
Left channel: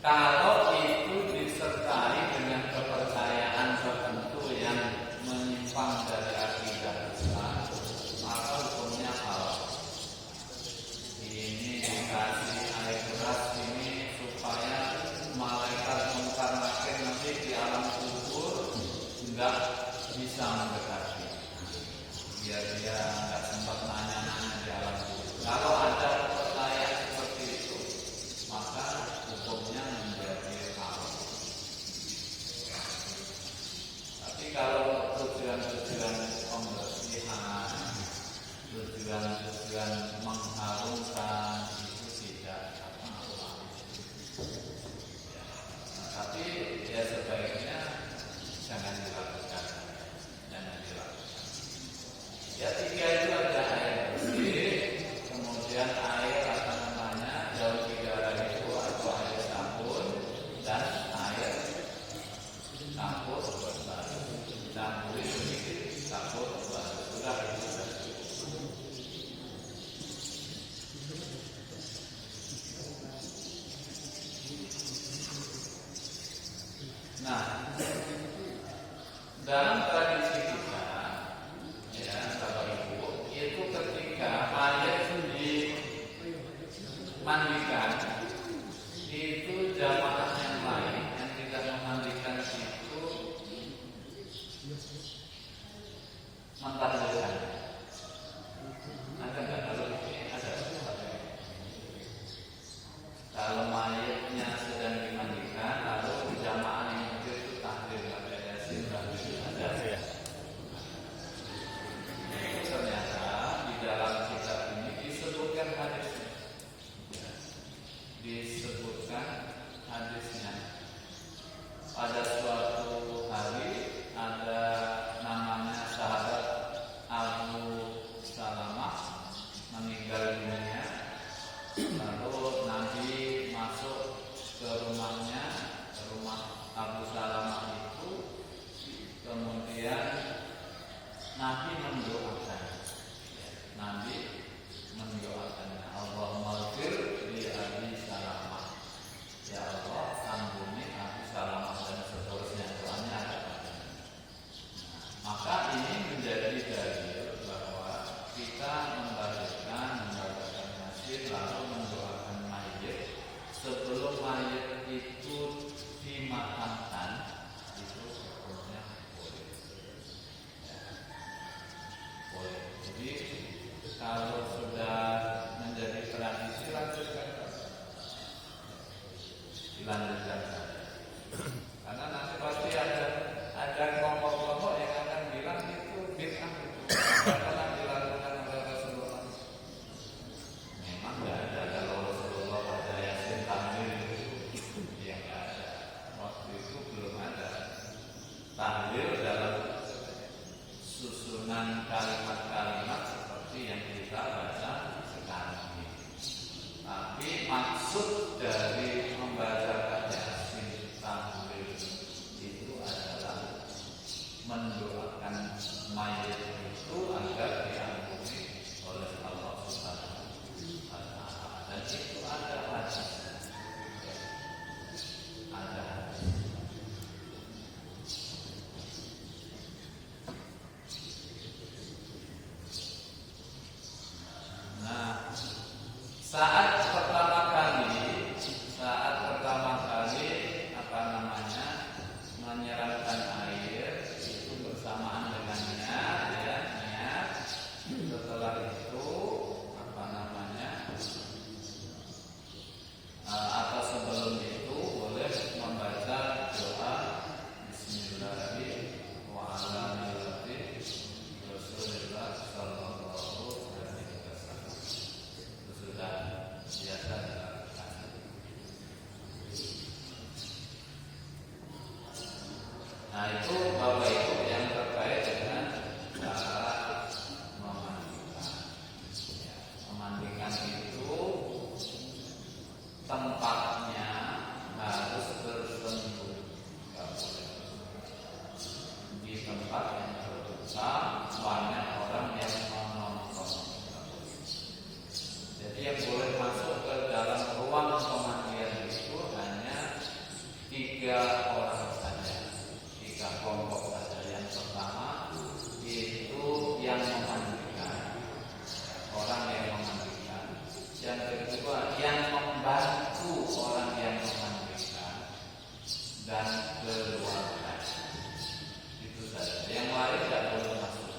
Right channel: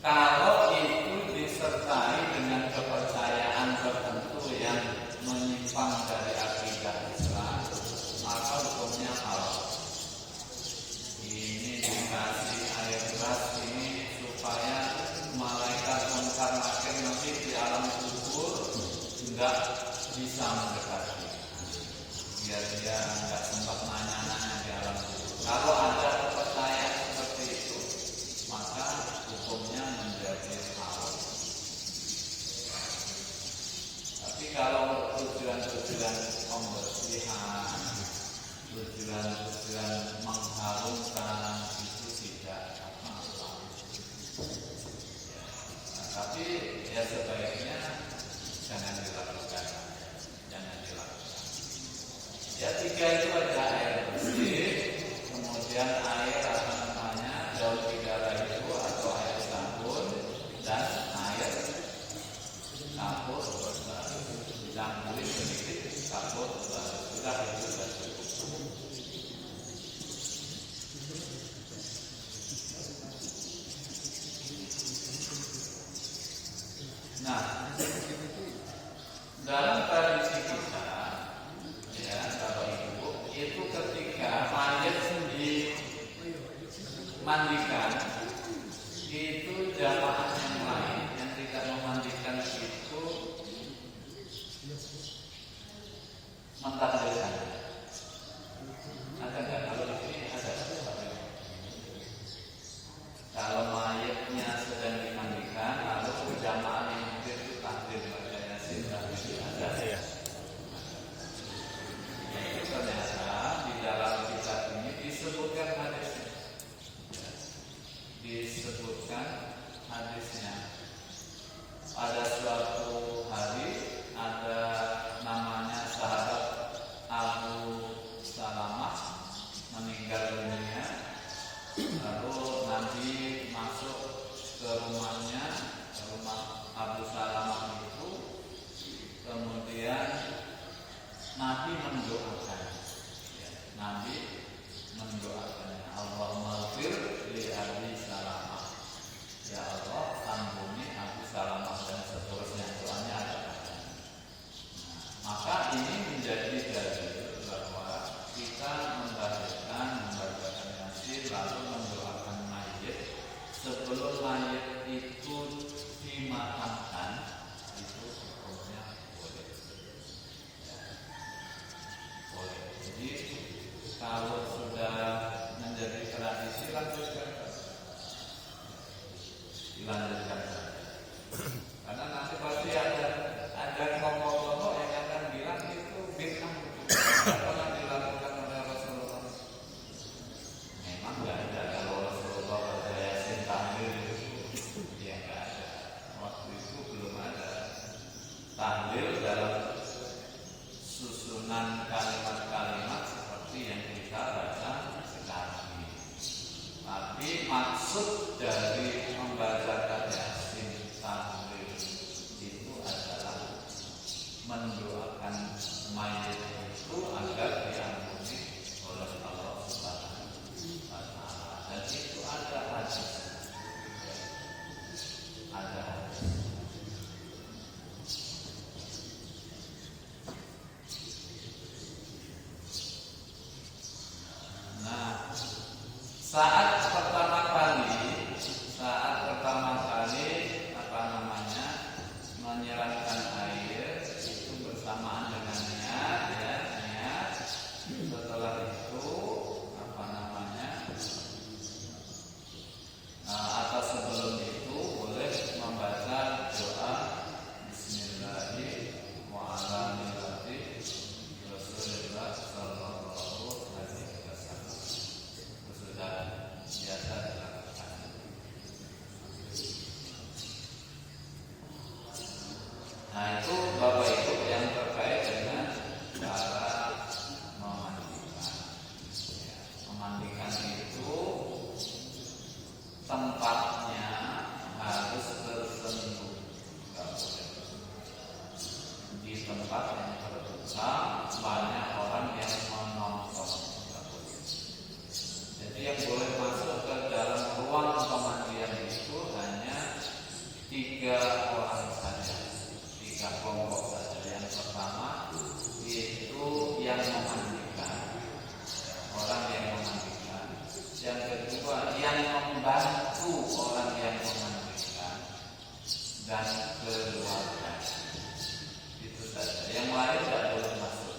kalau itu disertai dengan kepercayaan tertentu yang menyimpang dari akidah Islam, maka hukumnya halal. Ini dikasih air beras ini supaya malaikat mungkar nakir nanti di alam kubur enggak bisa mendekati, biar dia enggak sempat nanya-nanya di alam kubur. Kalau ada kepercayaan seperti itu, maka hukumnya menjadi halal. Tapi kalau tujuan-tujuan pembersihan, tujuan-tujuan mengharumkan itu tidak masalah. Nah, tapi ya sebaiknya jangan dilakukan. Ya 3 itu ada air bersih, kemudian air apa namanya daun bidara itu atau air sabun dan air campur baru dicampuri sedikit campur baru sudah sudah. Nah, dalam tradisi kita, ya Bapak Ibu, itu ketika mayat dimandikan, itu jamaah yang lain yang tidak memandikan itu mentahdirkan. Ada nggak kalau ini ada? Kalau mayatnya sedang dimandikan, lalu jamaah yang itu tahdir tiga orang saja, tiga kelompok saja. Yang pertama itu yang memandikan, orang yang memandikan. Yang kedua yang membantu orang yang memandikan, dan keluarga. Itu saja. Yang lain tidak perlu masuk.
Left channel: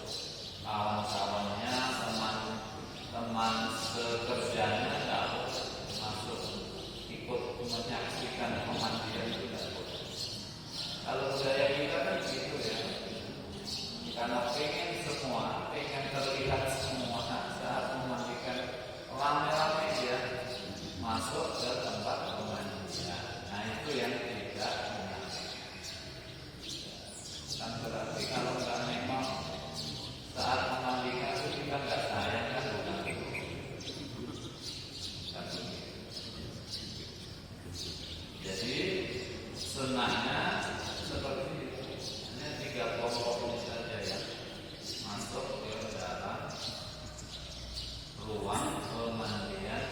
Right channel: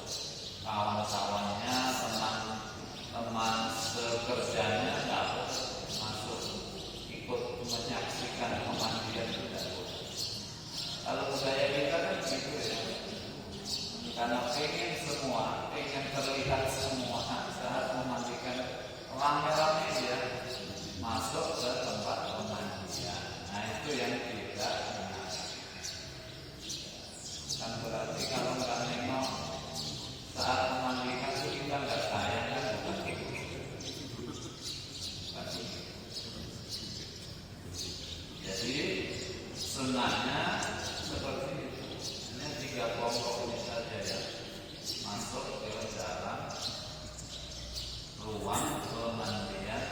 Kawan-kawannya, teman-teman sekerjanya tidak masuk ikut menyaksikan pemandian kita. Kalau budaya kita kan gitu ya, karena pengen terlihat semua saat memandikan, rame-rame dia masuk ke tempat pemandian. Nah itu yang tidak kan berarti kalau nggak memang saat memandikan itu kita nggak sayang kan. Jadi sunnahnya seperti itu. Hanya tiga kelompok ini saja yang masuk ke dalam ruang pemandian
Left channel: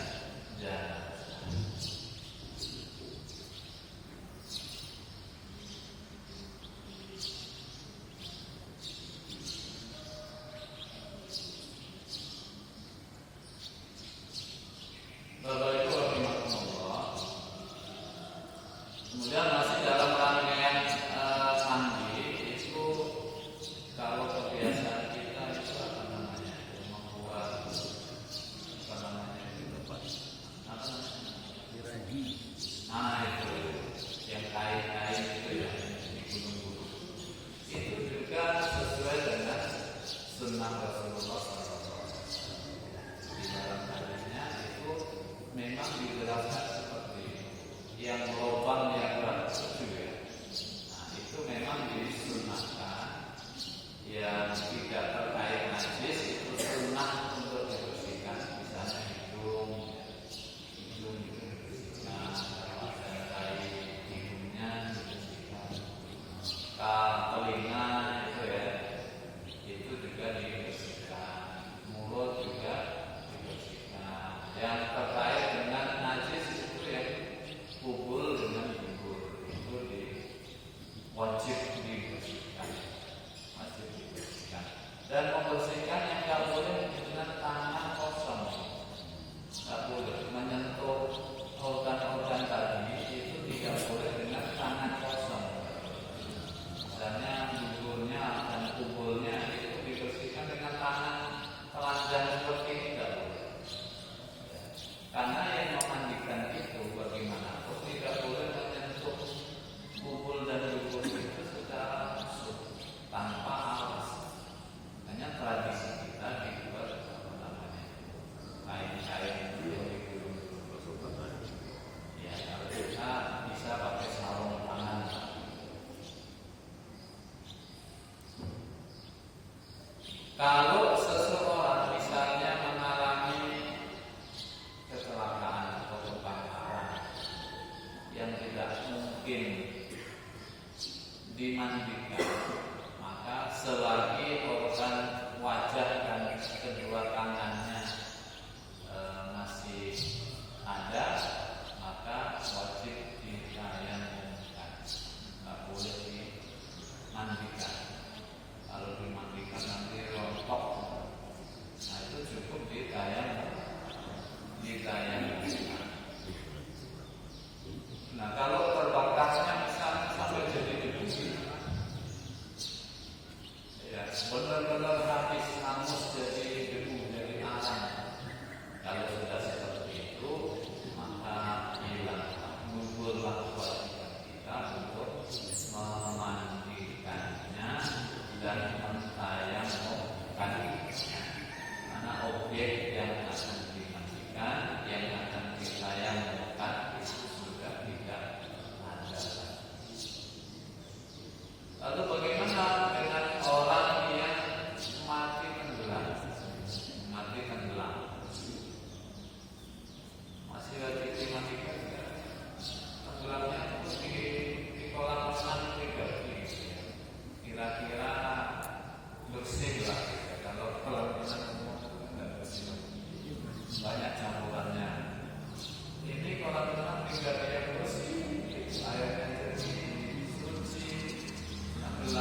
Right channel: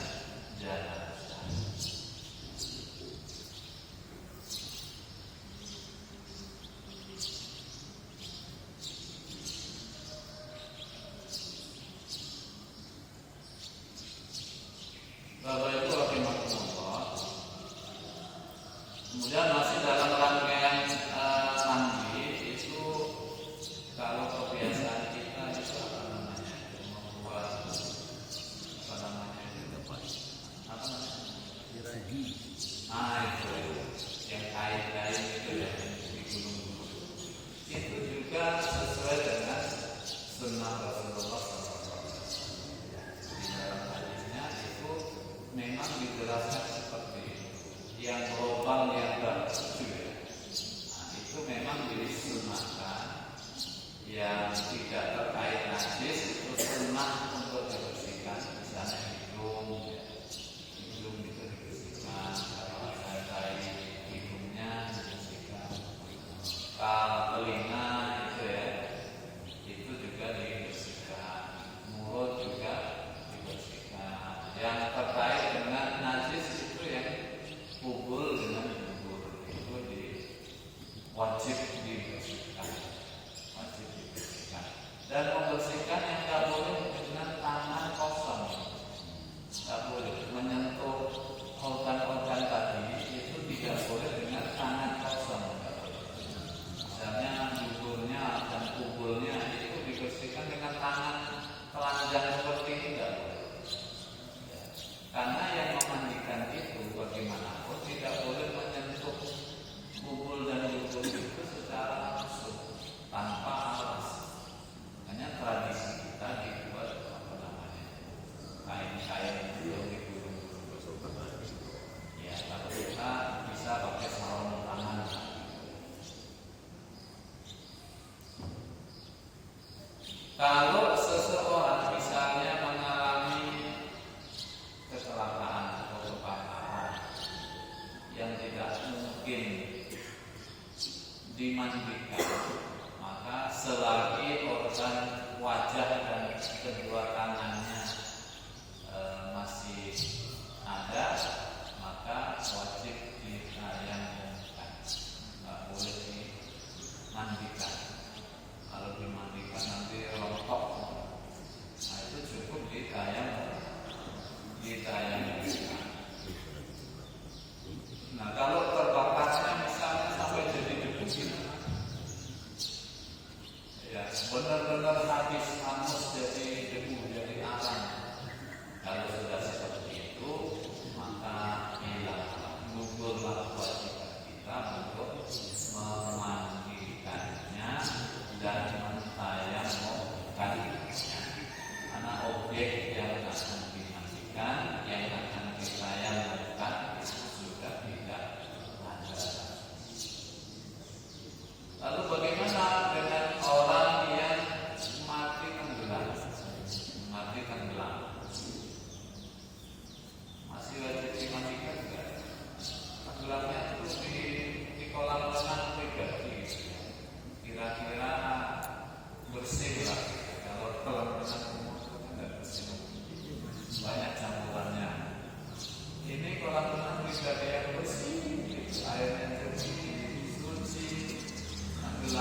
jenazah. Bapak Ibu rahimahullah. Kemudian masih dalam rangkaian mandi itu, kalau kebiasaan kita itu apa namanya, membuat apa namanya itu apa? Itu yang kain-kain itu ya di gunung-gunung. Itu juga sesuai dengan sunnah Rasulullah SAW. Di dalam hadisnya itu memang dijelaskan seperti itu. Yang lubang yang bertujuh ya. Nah itu memang disunahkan. Yang tidak terkait najis itu sunnah untuk dibersihkan. Misalnya hidung itu dibersihkan, rantai hidungnya dibersihkan, telinga itu ya, itu juga dibersihkan, mulut juga dibersihkan. Yang terkait dengan najis itu yang kubur dengan kubur itu wajib dibersihkan, dan membersihkan yang tidak boleh dengan tangan kosong, tidak boleh menyentuh organ-organ tadi, itu tidak boleh dengan tangan kosong. Misalnya duburnya dan kuburnya itu dibersihkan dengan tangan telanjang seperti itu tidak boleh. Karena yang memandikan itu bagaimanapun tidak boleh menyentuh kubur dan dubur itu secara langsung tanpa alas. Hanya tradisi kita di luar apa namanya kain-kain itu yang digulung. Ya kalau kita bisa pakai sarung tangan. Kalau seseorang misalnya mengalami kecelakaan atau kebakaran yang tidak mungkin dimandikan, maka selagi organ wajah dan kedua tangannya masih ada, maka wajib ditayamumkan, nggak boleh dimandikan. Kalau dimandikan nanti rontok, nah itu cukup ditayamumkan. Nah kalau terbakarnya misalnya sampai jadi debu, ya benar-benar habis hangus jadi debu, jadi arang. Kalau sudah seperti itu,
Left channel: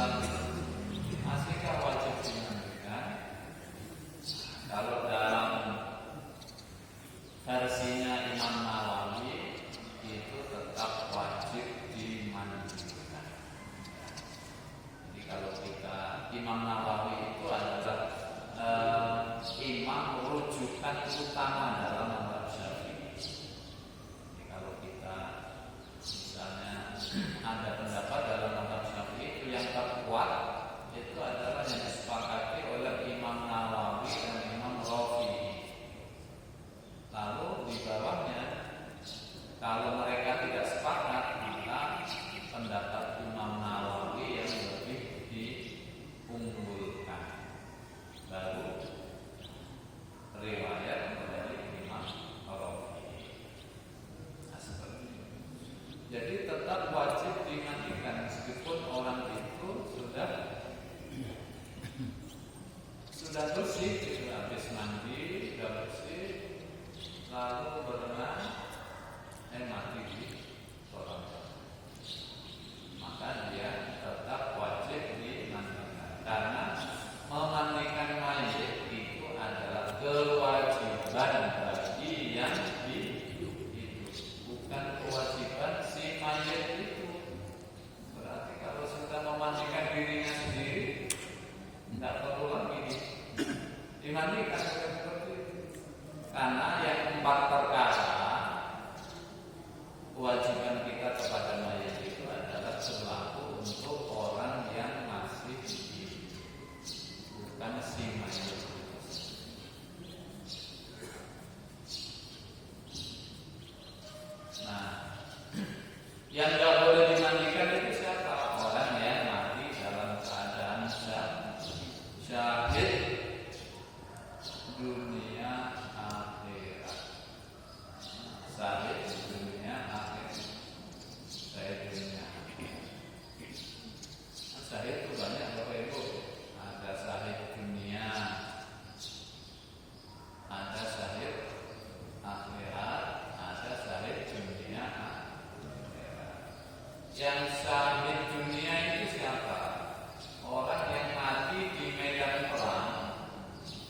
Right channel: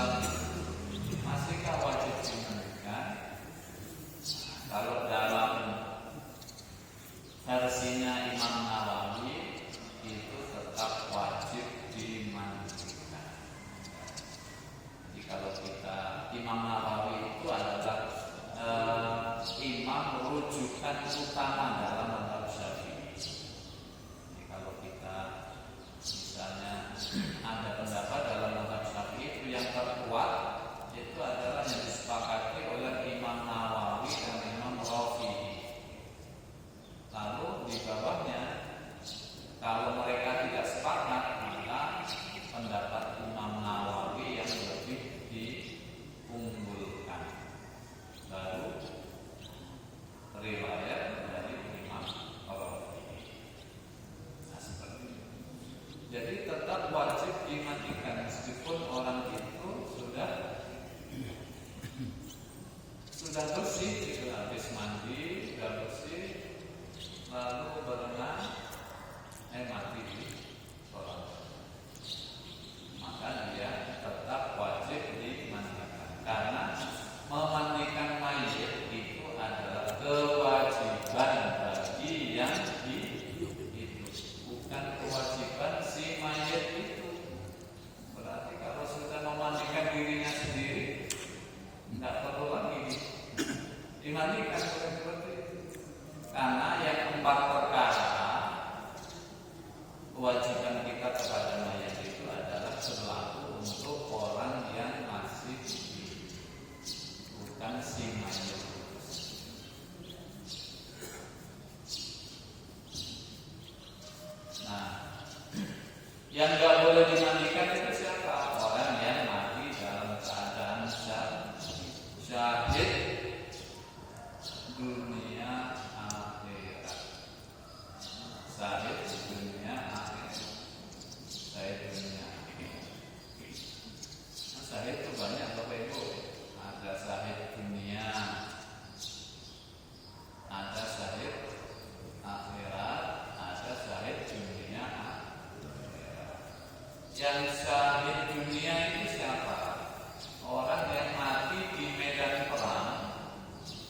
Islam masihkah wajib dimandikan? Kalau dalam versinya Imam Nawawi itu tetap wajib dimandikan. Jadi kalau kita, Imam Nawawi itu adalah imam rujukan utama dalam mazhab Syafi'i. Jadi kalau kita misalnya ada pendapat dalam mazhab Syafi'i itu yang terkuat itu adalah yang disepakati oleh Imam Nawawi dan Imam Rafi'i. Lalu di bawahnya kalau mereka tidak sepakat, maka pendapat Imam Nawawi yang lebih diunggulkan. Lalu riwayat dari Imam Rafi'i. Nah, seperti itu. Jadi tetap wajib dimandikan meskipun orang itu sudah bersih, sudah habis mandi, sudah bersih, lalu berenang, mati di kolam, maka dia tetap wajib dimandikan karena memandikan mayit itu adalah kewajiban bagi yang hidup, bukan kewajiban si mayit itu. Berarti kalau sudah memandikan dirinya sendiri, tidak perlu lagi dimandikan seperti itu. Karena yang 4 perkara kewajiban kita kepada mayit itu adalah berlaku untuk orang yang masih hidup, bukan si mayit. Nah, yang nggak boleh dimandikan itu siapa? Orang yang mati dalam keadaan syahid dunia akhirat. Syahid dunia akhirat. Syahid dunia akhirat. Syahid itu banyak Bapak Ibu. Ada syahid dunia, ada syahid akhirat, ada syahid dunia akhirat. Yang syahid dunia itu siapa? Orang yang mati di medan perang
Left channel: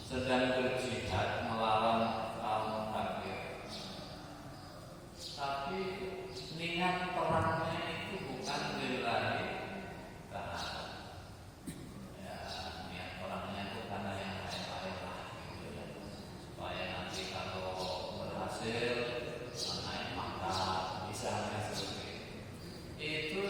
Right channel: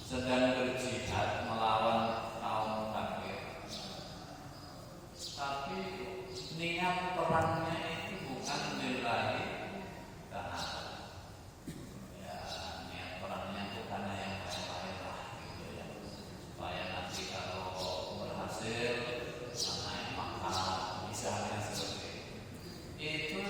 sedang berjihad melawan kaum kafir. Tapi niat perangnya itu bukan lillahi ta'ala. Ya, niat perangnya itu karena yang lain-lain lah, gitu ya. Supaya nanti kalau berhasil naik mangkat, misalnya seperti itu. Itu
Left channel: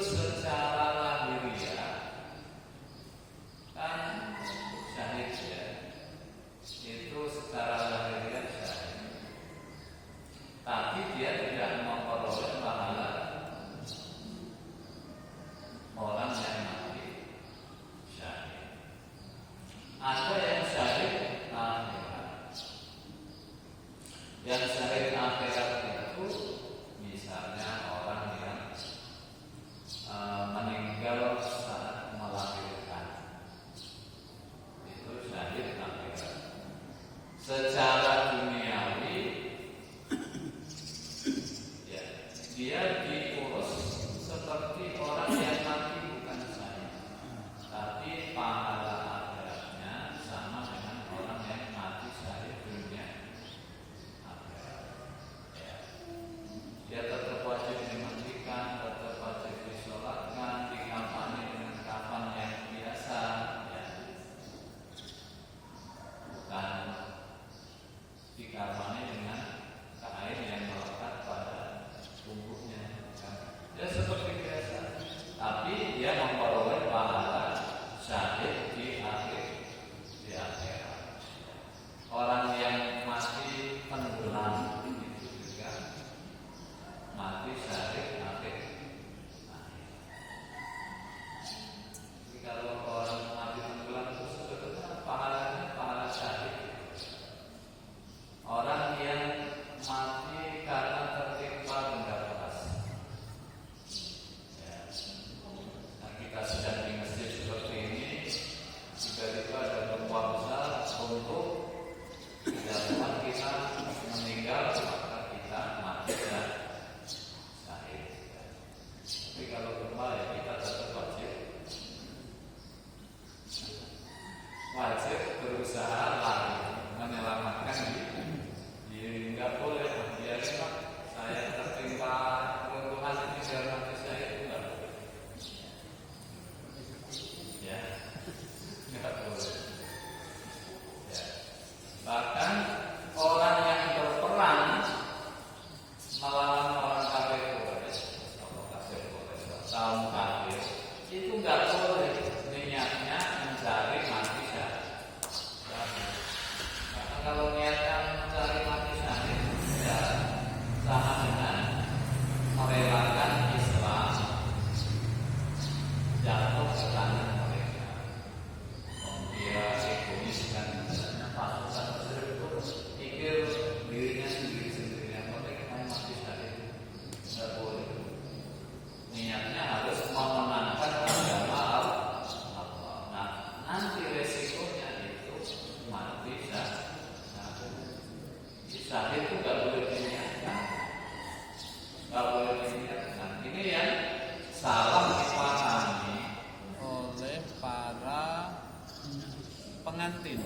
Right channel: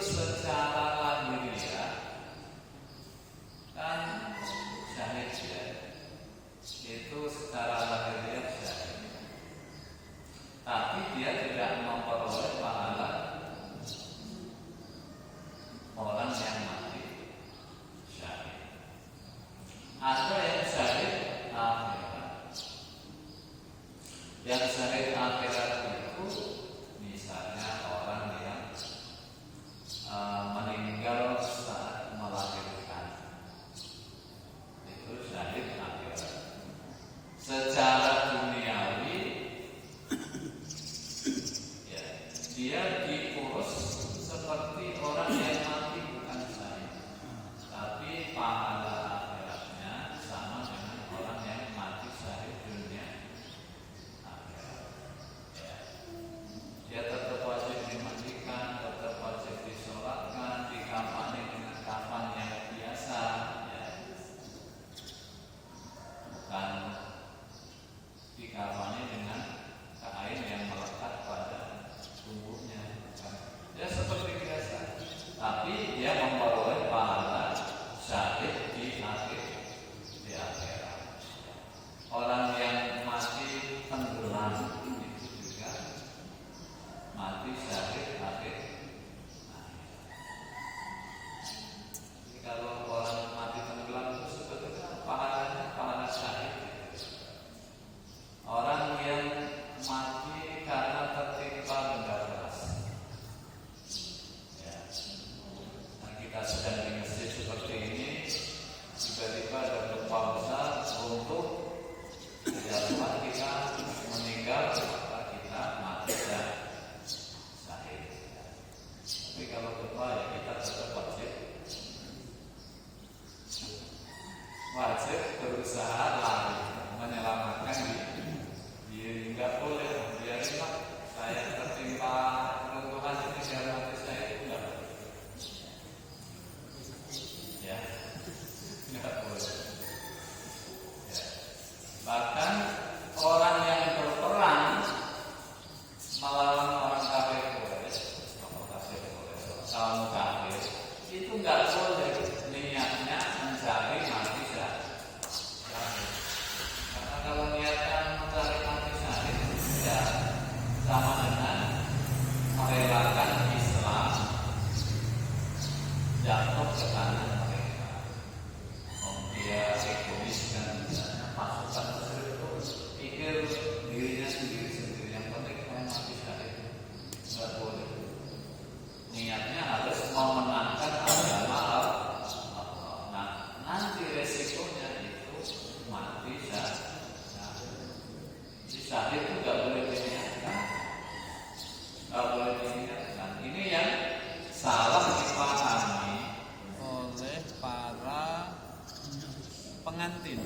pengantin,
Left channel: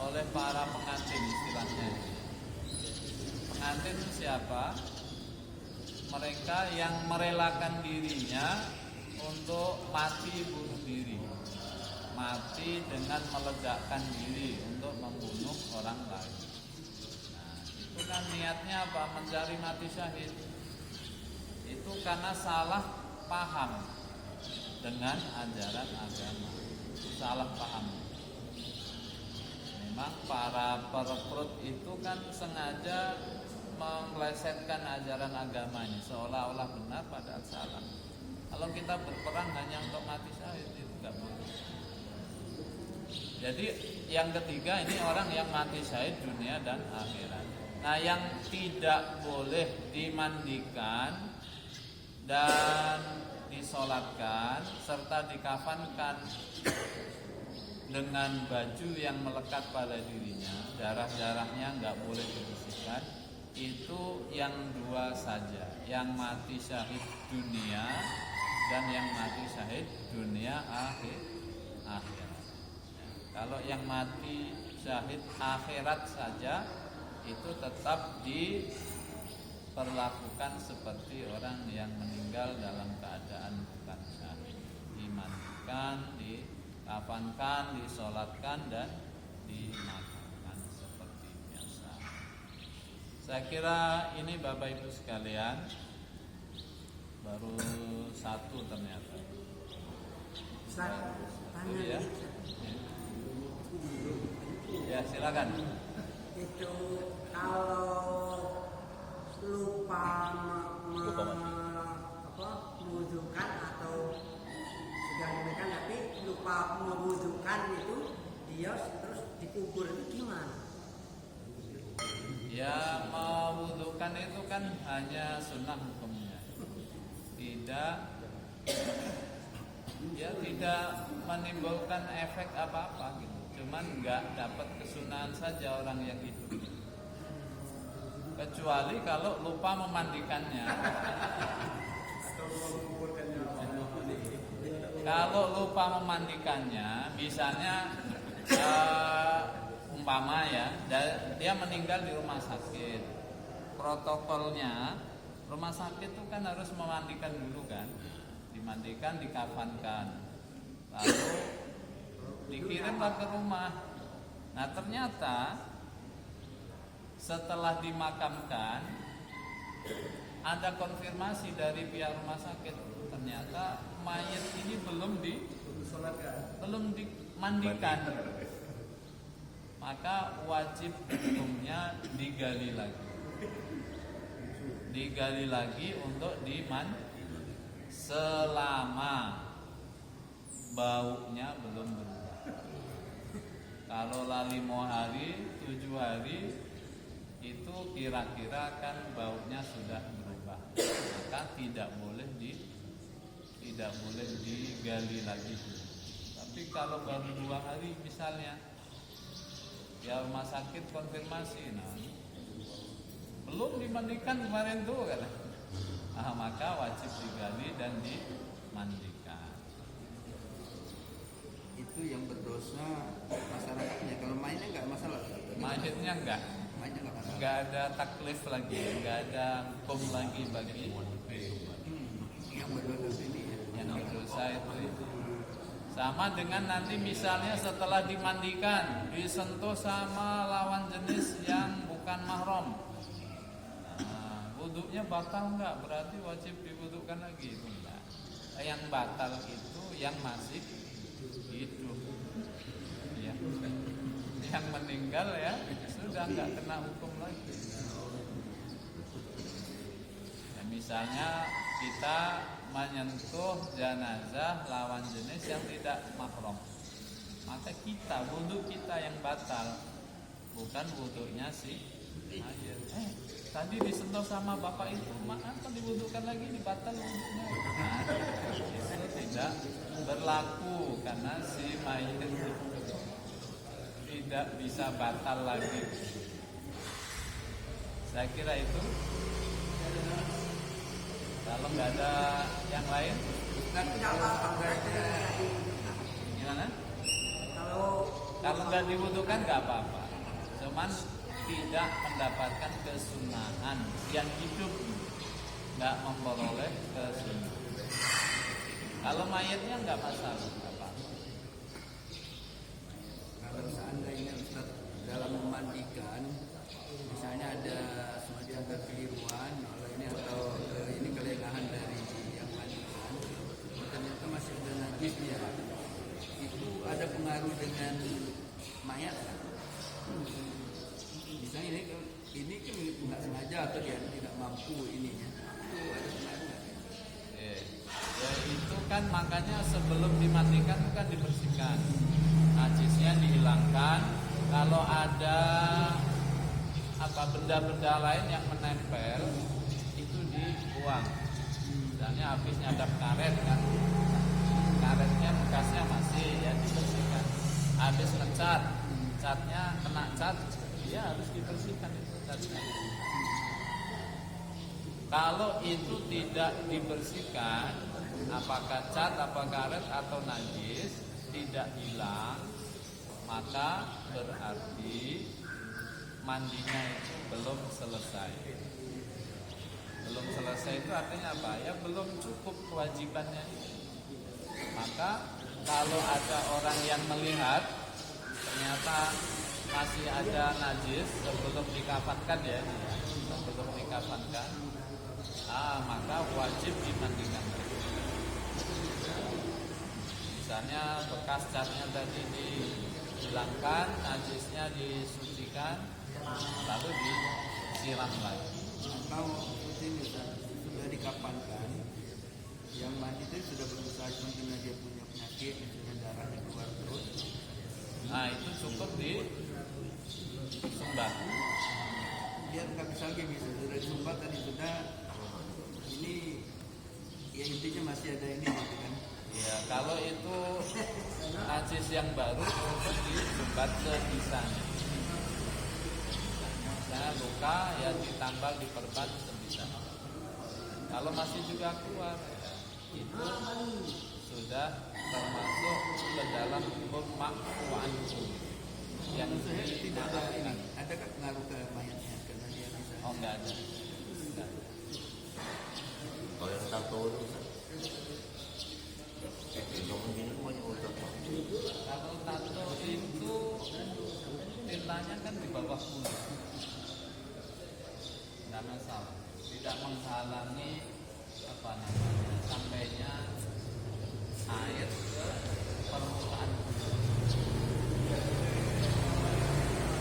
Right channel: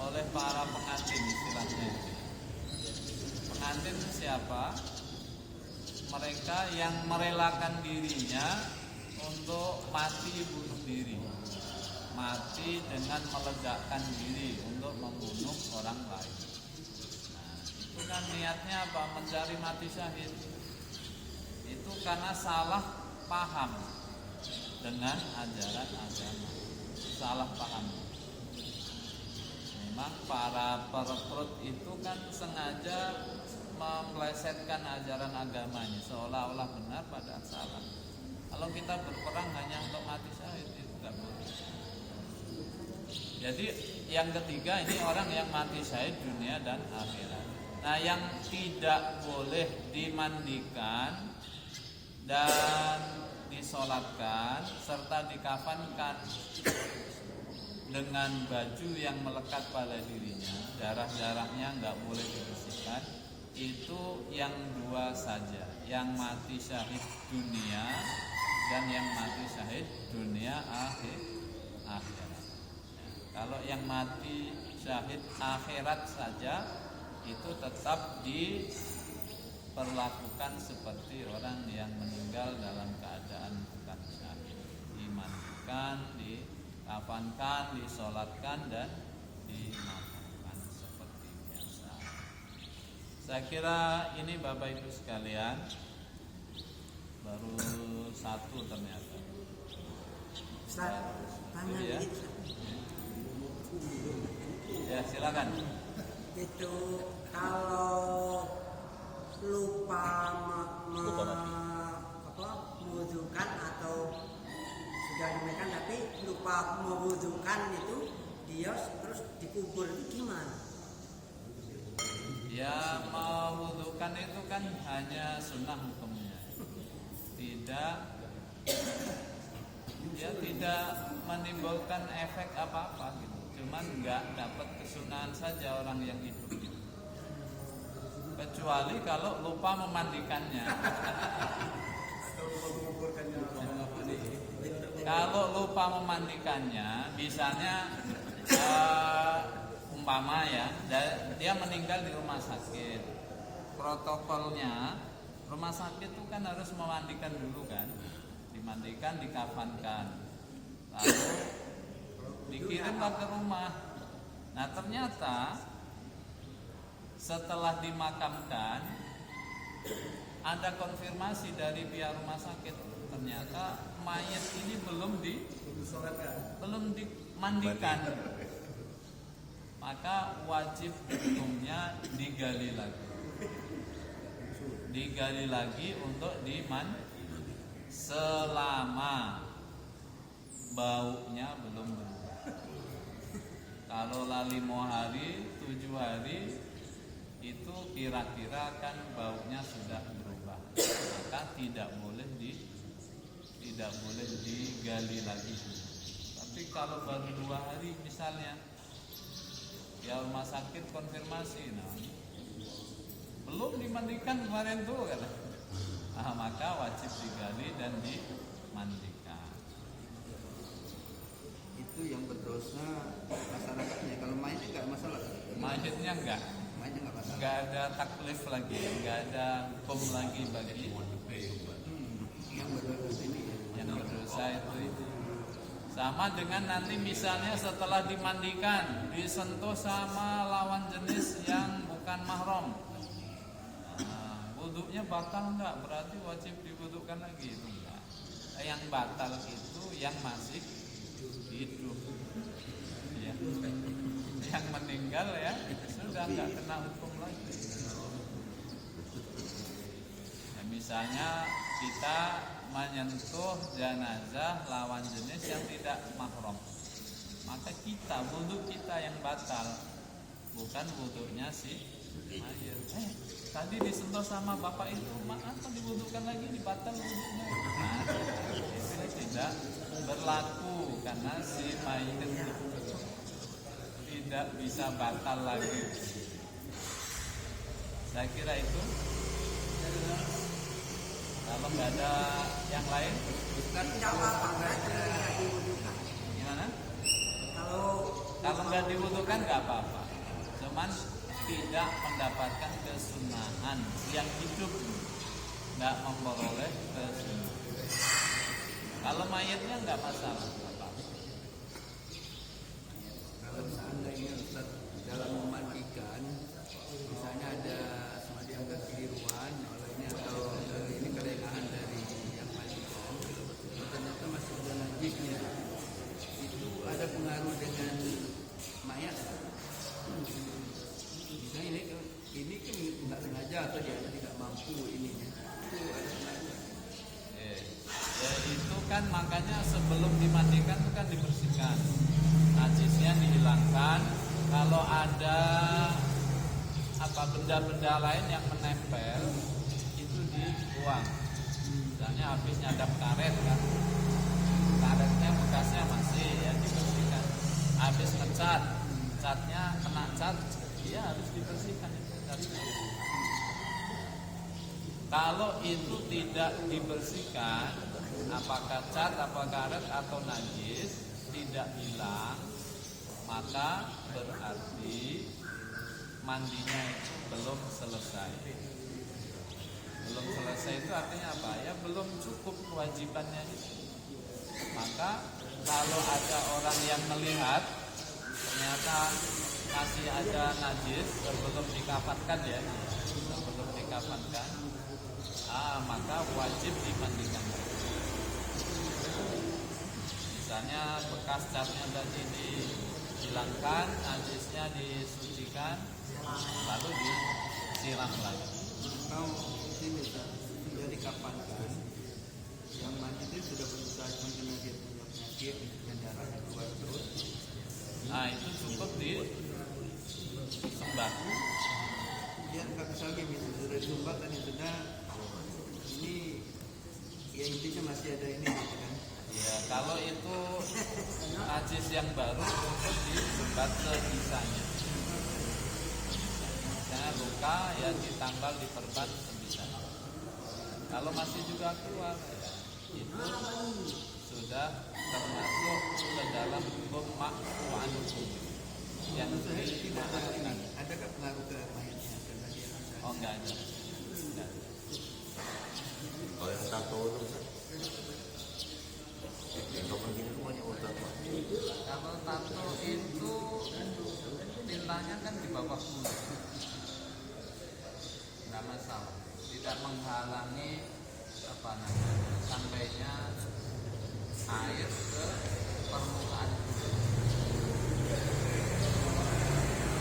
oleh para pengantin istilahnya itu. Pengantin itu siapa? Mereka yang merelakan dirinya untuk mati bunuh diri, mati dengan meledakkan diri untuk membunuh orang lain. Nah, itu kan niatnya apa? Mencari mati syahid. Itu karena salah paham dengan ajaran agama, salah paham. Memang para perekrut itu kan sengaja memplesetkan ajaran agama ini seolah-olah benar padahal salah. Kalau kita berperang hanya untuk mati syahid itu nggak boleh. Jadi yang ketiga ini orang yang mati syahid dunia dan akhirat. Nah, yang tidak boleh dimandikan dan disolatkan serta dikafankan dengan baju yang melekat pada dirinya, darah-darahnya nggak boleh dibersihkan. Itu yang dua saja, yang mati syahid dunia dan yang mati syahid dunia akhirat. Ya, kalau yang mati syahid akhirat saja itu tetap diperlakukan seperti orang yang meninggal dalam keadaan bukan syahid, dimandikan, dikafankan, disolatkan dan dimakamkan seperti biasa. Saya kira ini Bapak Ibu sekalian, baru satu ternyata. Baru satu ya. Ya silakan. Itu kalau lupa mewudukan atau sudah dimakan tapi lupa mewudukan itu dia terus dikubur itu gimana? Ya, mewudukan itu kan hanya sunnah hukumnya, tidak menimbulkan efek apa-apa gitu. Cuman nggak dapat kesunahan saja orang yang hidup gitu. Kecuali kalau lupa memandikannya. Kalau lupa memandikannya, misalnya umpama ya, dia meninggal di rumah sakit. Protokolnya rumah sakit itu kan harus memandikan dulu kan, dimandikan, dikafankan, lalu dikirimlah ke rumah. Nah ternyata setelah dimakamkan ada konfirmasi dari pihak rumah sakit, ternyata mayat ini belum dimandikan. Maka wajib hukumnya digali lagi untuk selama baunya belum berubah. Kalau 5 hari, 7 hari itu kira-kira kan baunya sudah berubah, maka tidak boleh digali lagi. Tapi kalau baru 2 hari misalnya, ya rumah sakit konfirmasi, nah belum dimandikan kemarin tuh kan, maka wajib digali dan dimandikan. Itu yang berdosa masyarakatnya. Kalau mayatnya nggak masalah. Mayatnya nggak ada taklif lagi, nggak ada hukum lagi bagi yang berdosa itu. Sama dengan nanti misalnya setelah dimandikan disentuh sama lawan jenis yang bukan mahram, wudhunya batal enggak? Berarti wajib diwudhukan lagi? Itu enggak. Yang batal itu yang masih hidup ya. Yang meninggal ya sudah enggak kena hukum lagi ya. Misalnya kita menyentuh jenazah lawan jenis yang tidak mahram, maka wudhu kita yang batal, bukan wudhunya si mayat. Tadi disentuh sama bapak itu, apa diwudhukan lagi, dibatal wudhunya? Nah, itu tidak berlaku karena si mayat itu tidak bisa batal lagi. Saya kira itu. Kalau nggak ada yang lain, gimana? Kalau nggak diwudukan nggak apa-apa, cuman tidak mendapatkan kesunahan yang hidup, nggak memperoleh kesunahan. Kalau mayatnya nggak masalah, nggak apa-apa. Kalau seandainya Ustaz dalam memandikan, misalnya ada semacam kekeliruan olehnya atau ini kelelahan dari yang mandikan, ternyata masih ada najisnya, itu ada pengaruh dengan mayat. Misalnya ini kan nggak sengaja atau dia tidak mampu ininya, itu ada pengaruh. Ya itu kan makanya sebelum dimandikan itu kan dibersihkan, najisnya dihilangkan. Kalau ada benda-benda lain yang menempel itu dibuang. Misalnya habis nyadap karet kan, karetnya bekasnya masih ya dibersihkan. Habis ngecat, catnya kena cat, ya harus dibersihkan itu catnya. Kalau itu tidak dibersihkan, apakah cat, apa karet atau najis tidak hilang, maka berarti mandinya itu belum selesai. Belum selesai itu artinya apa? Ya belum cukup kewajibannya itu. Maka kalau ada orang yang melihat ternyata masih ada najis sebelum dikafankan ya, sebelum dikafankan, maka wajib dimandikan. Misalnya bekas catnya tadi dihilangkan, najisnya disucikan, lalu disiram lagi. Atau ini sudah dikapankan, yang mandi itu sudah berusaha mungkin dia punya penyakit, misalnya darahnya keluar terus. Nah itu cukup disumbat. Dia nggak bisa lagi misalnya sudah disumbat dan sudah ini ya intinya masih ada ini gitu kan. Ya kalau itu najis yang baru cukup disumbat sebisanya. Misalnya luka ya ditambal diperban sebisanya. Kalau masih juga keluar ya itu sudah termasuk ke dalam hukum ma'fu'an yang dimaafkan. Ada pengaruh ke mayatnya? Oh enggak ada. Enggak ada. Kalau yang tato itu Kalau tato itu tintanya kan di bawah kulit, nggak masalah, tidak menghalangi sampai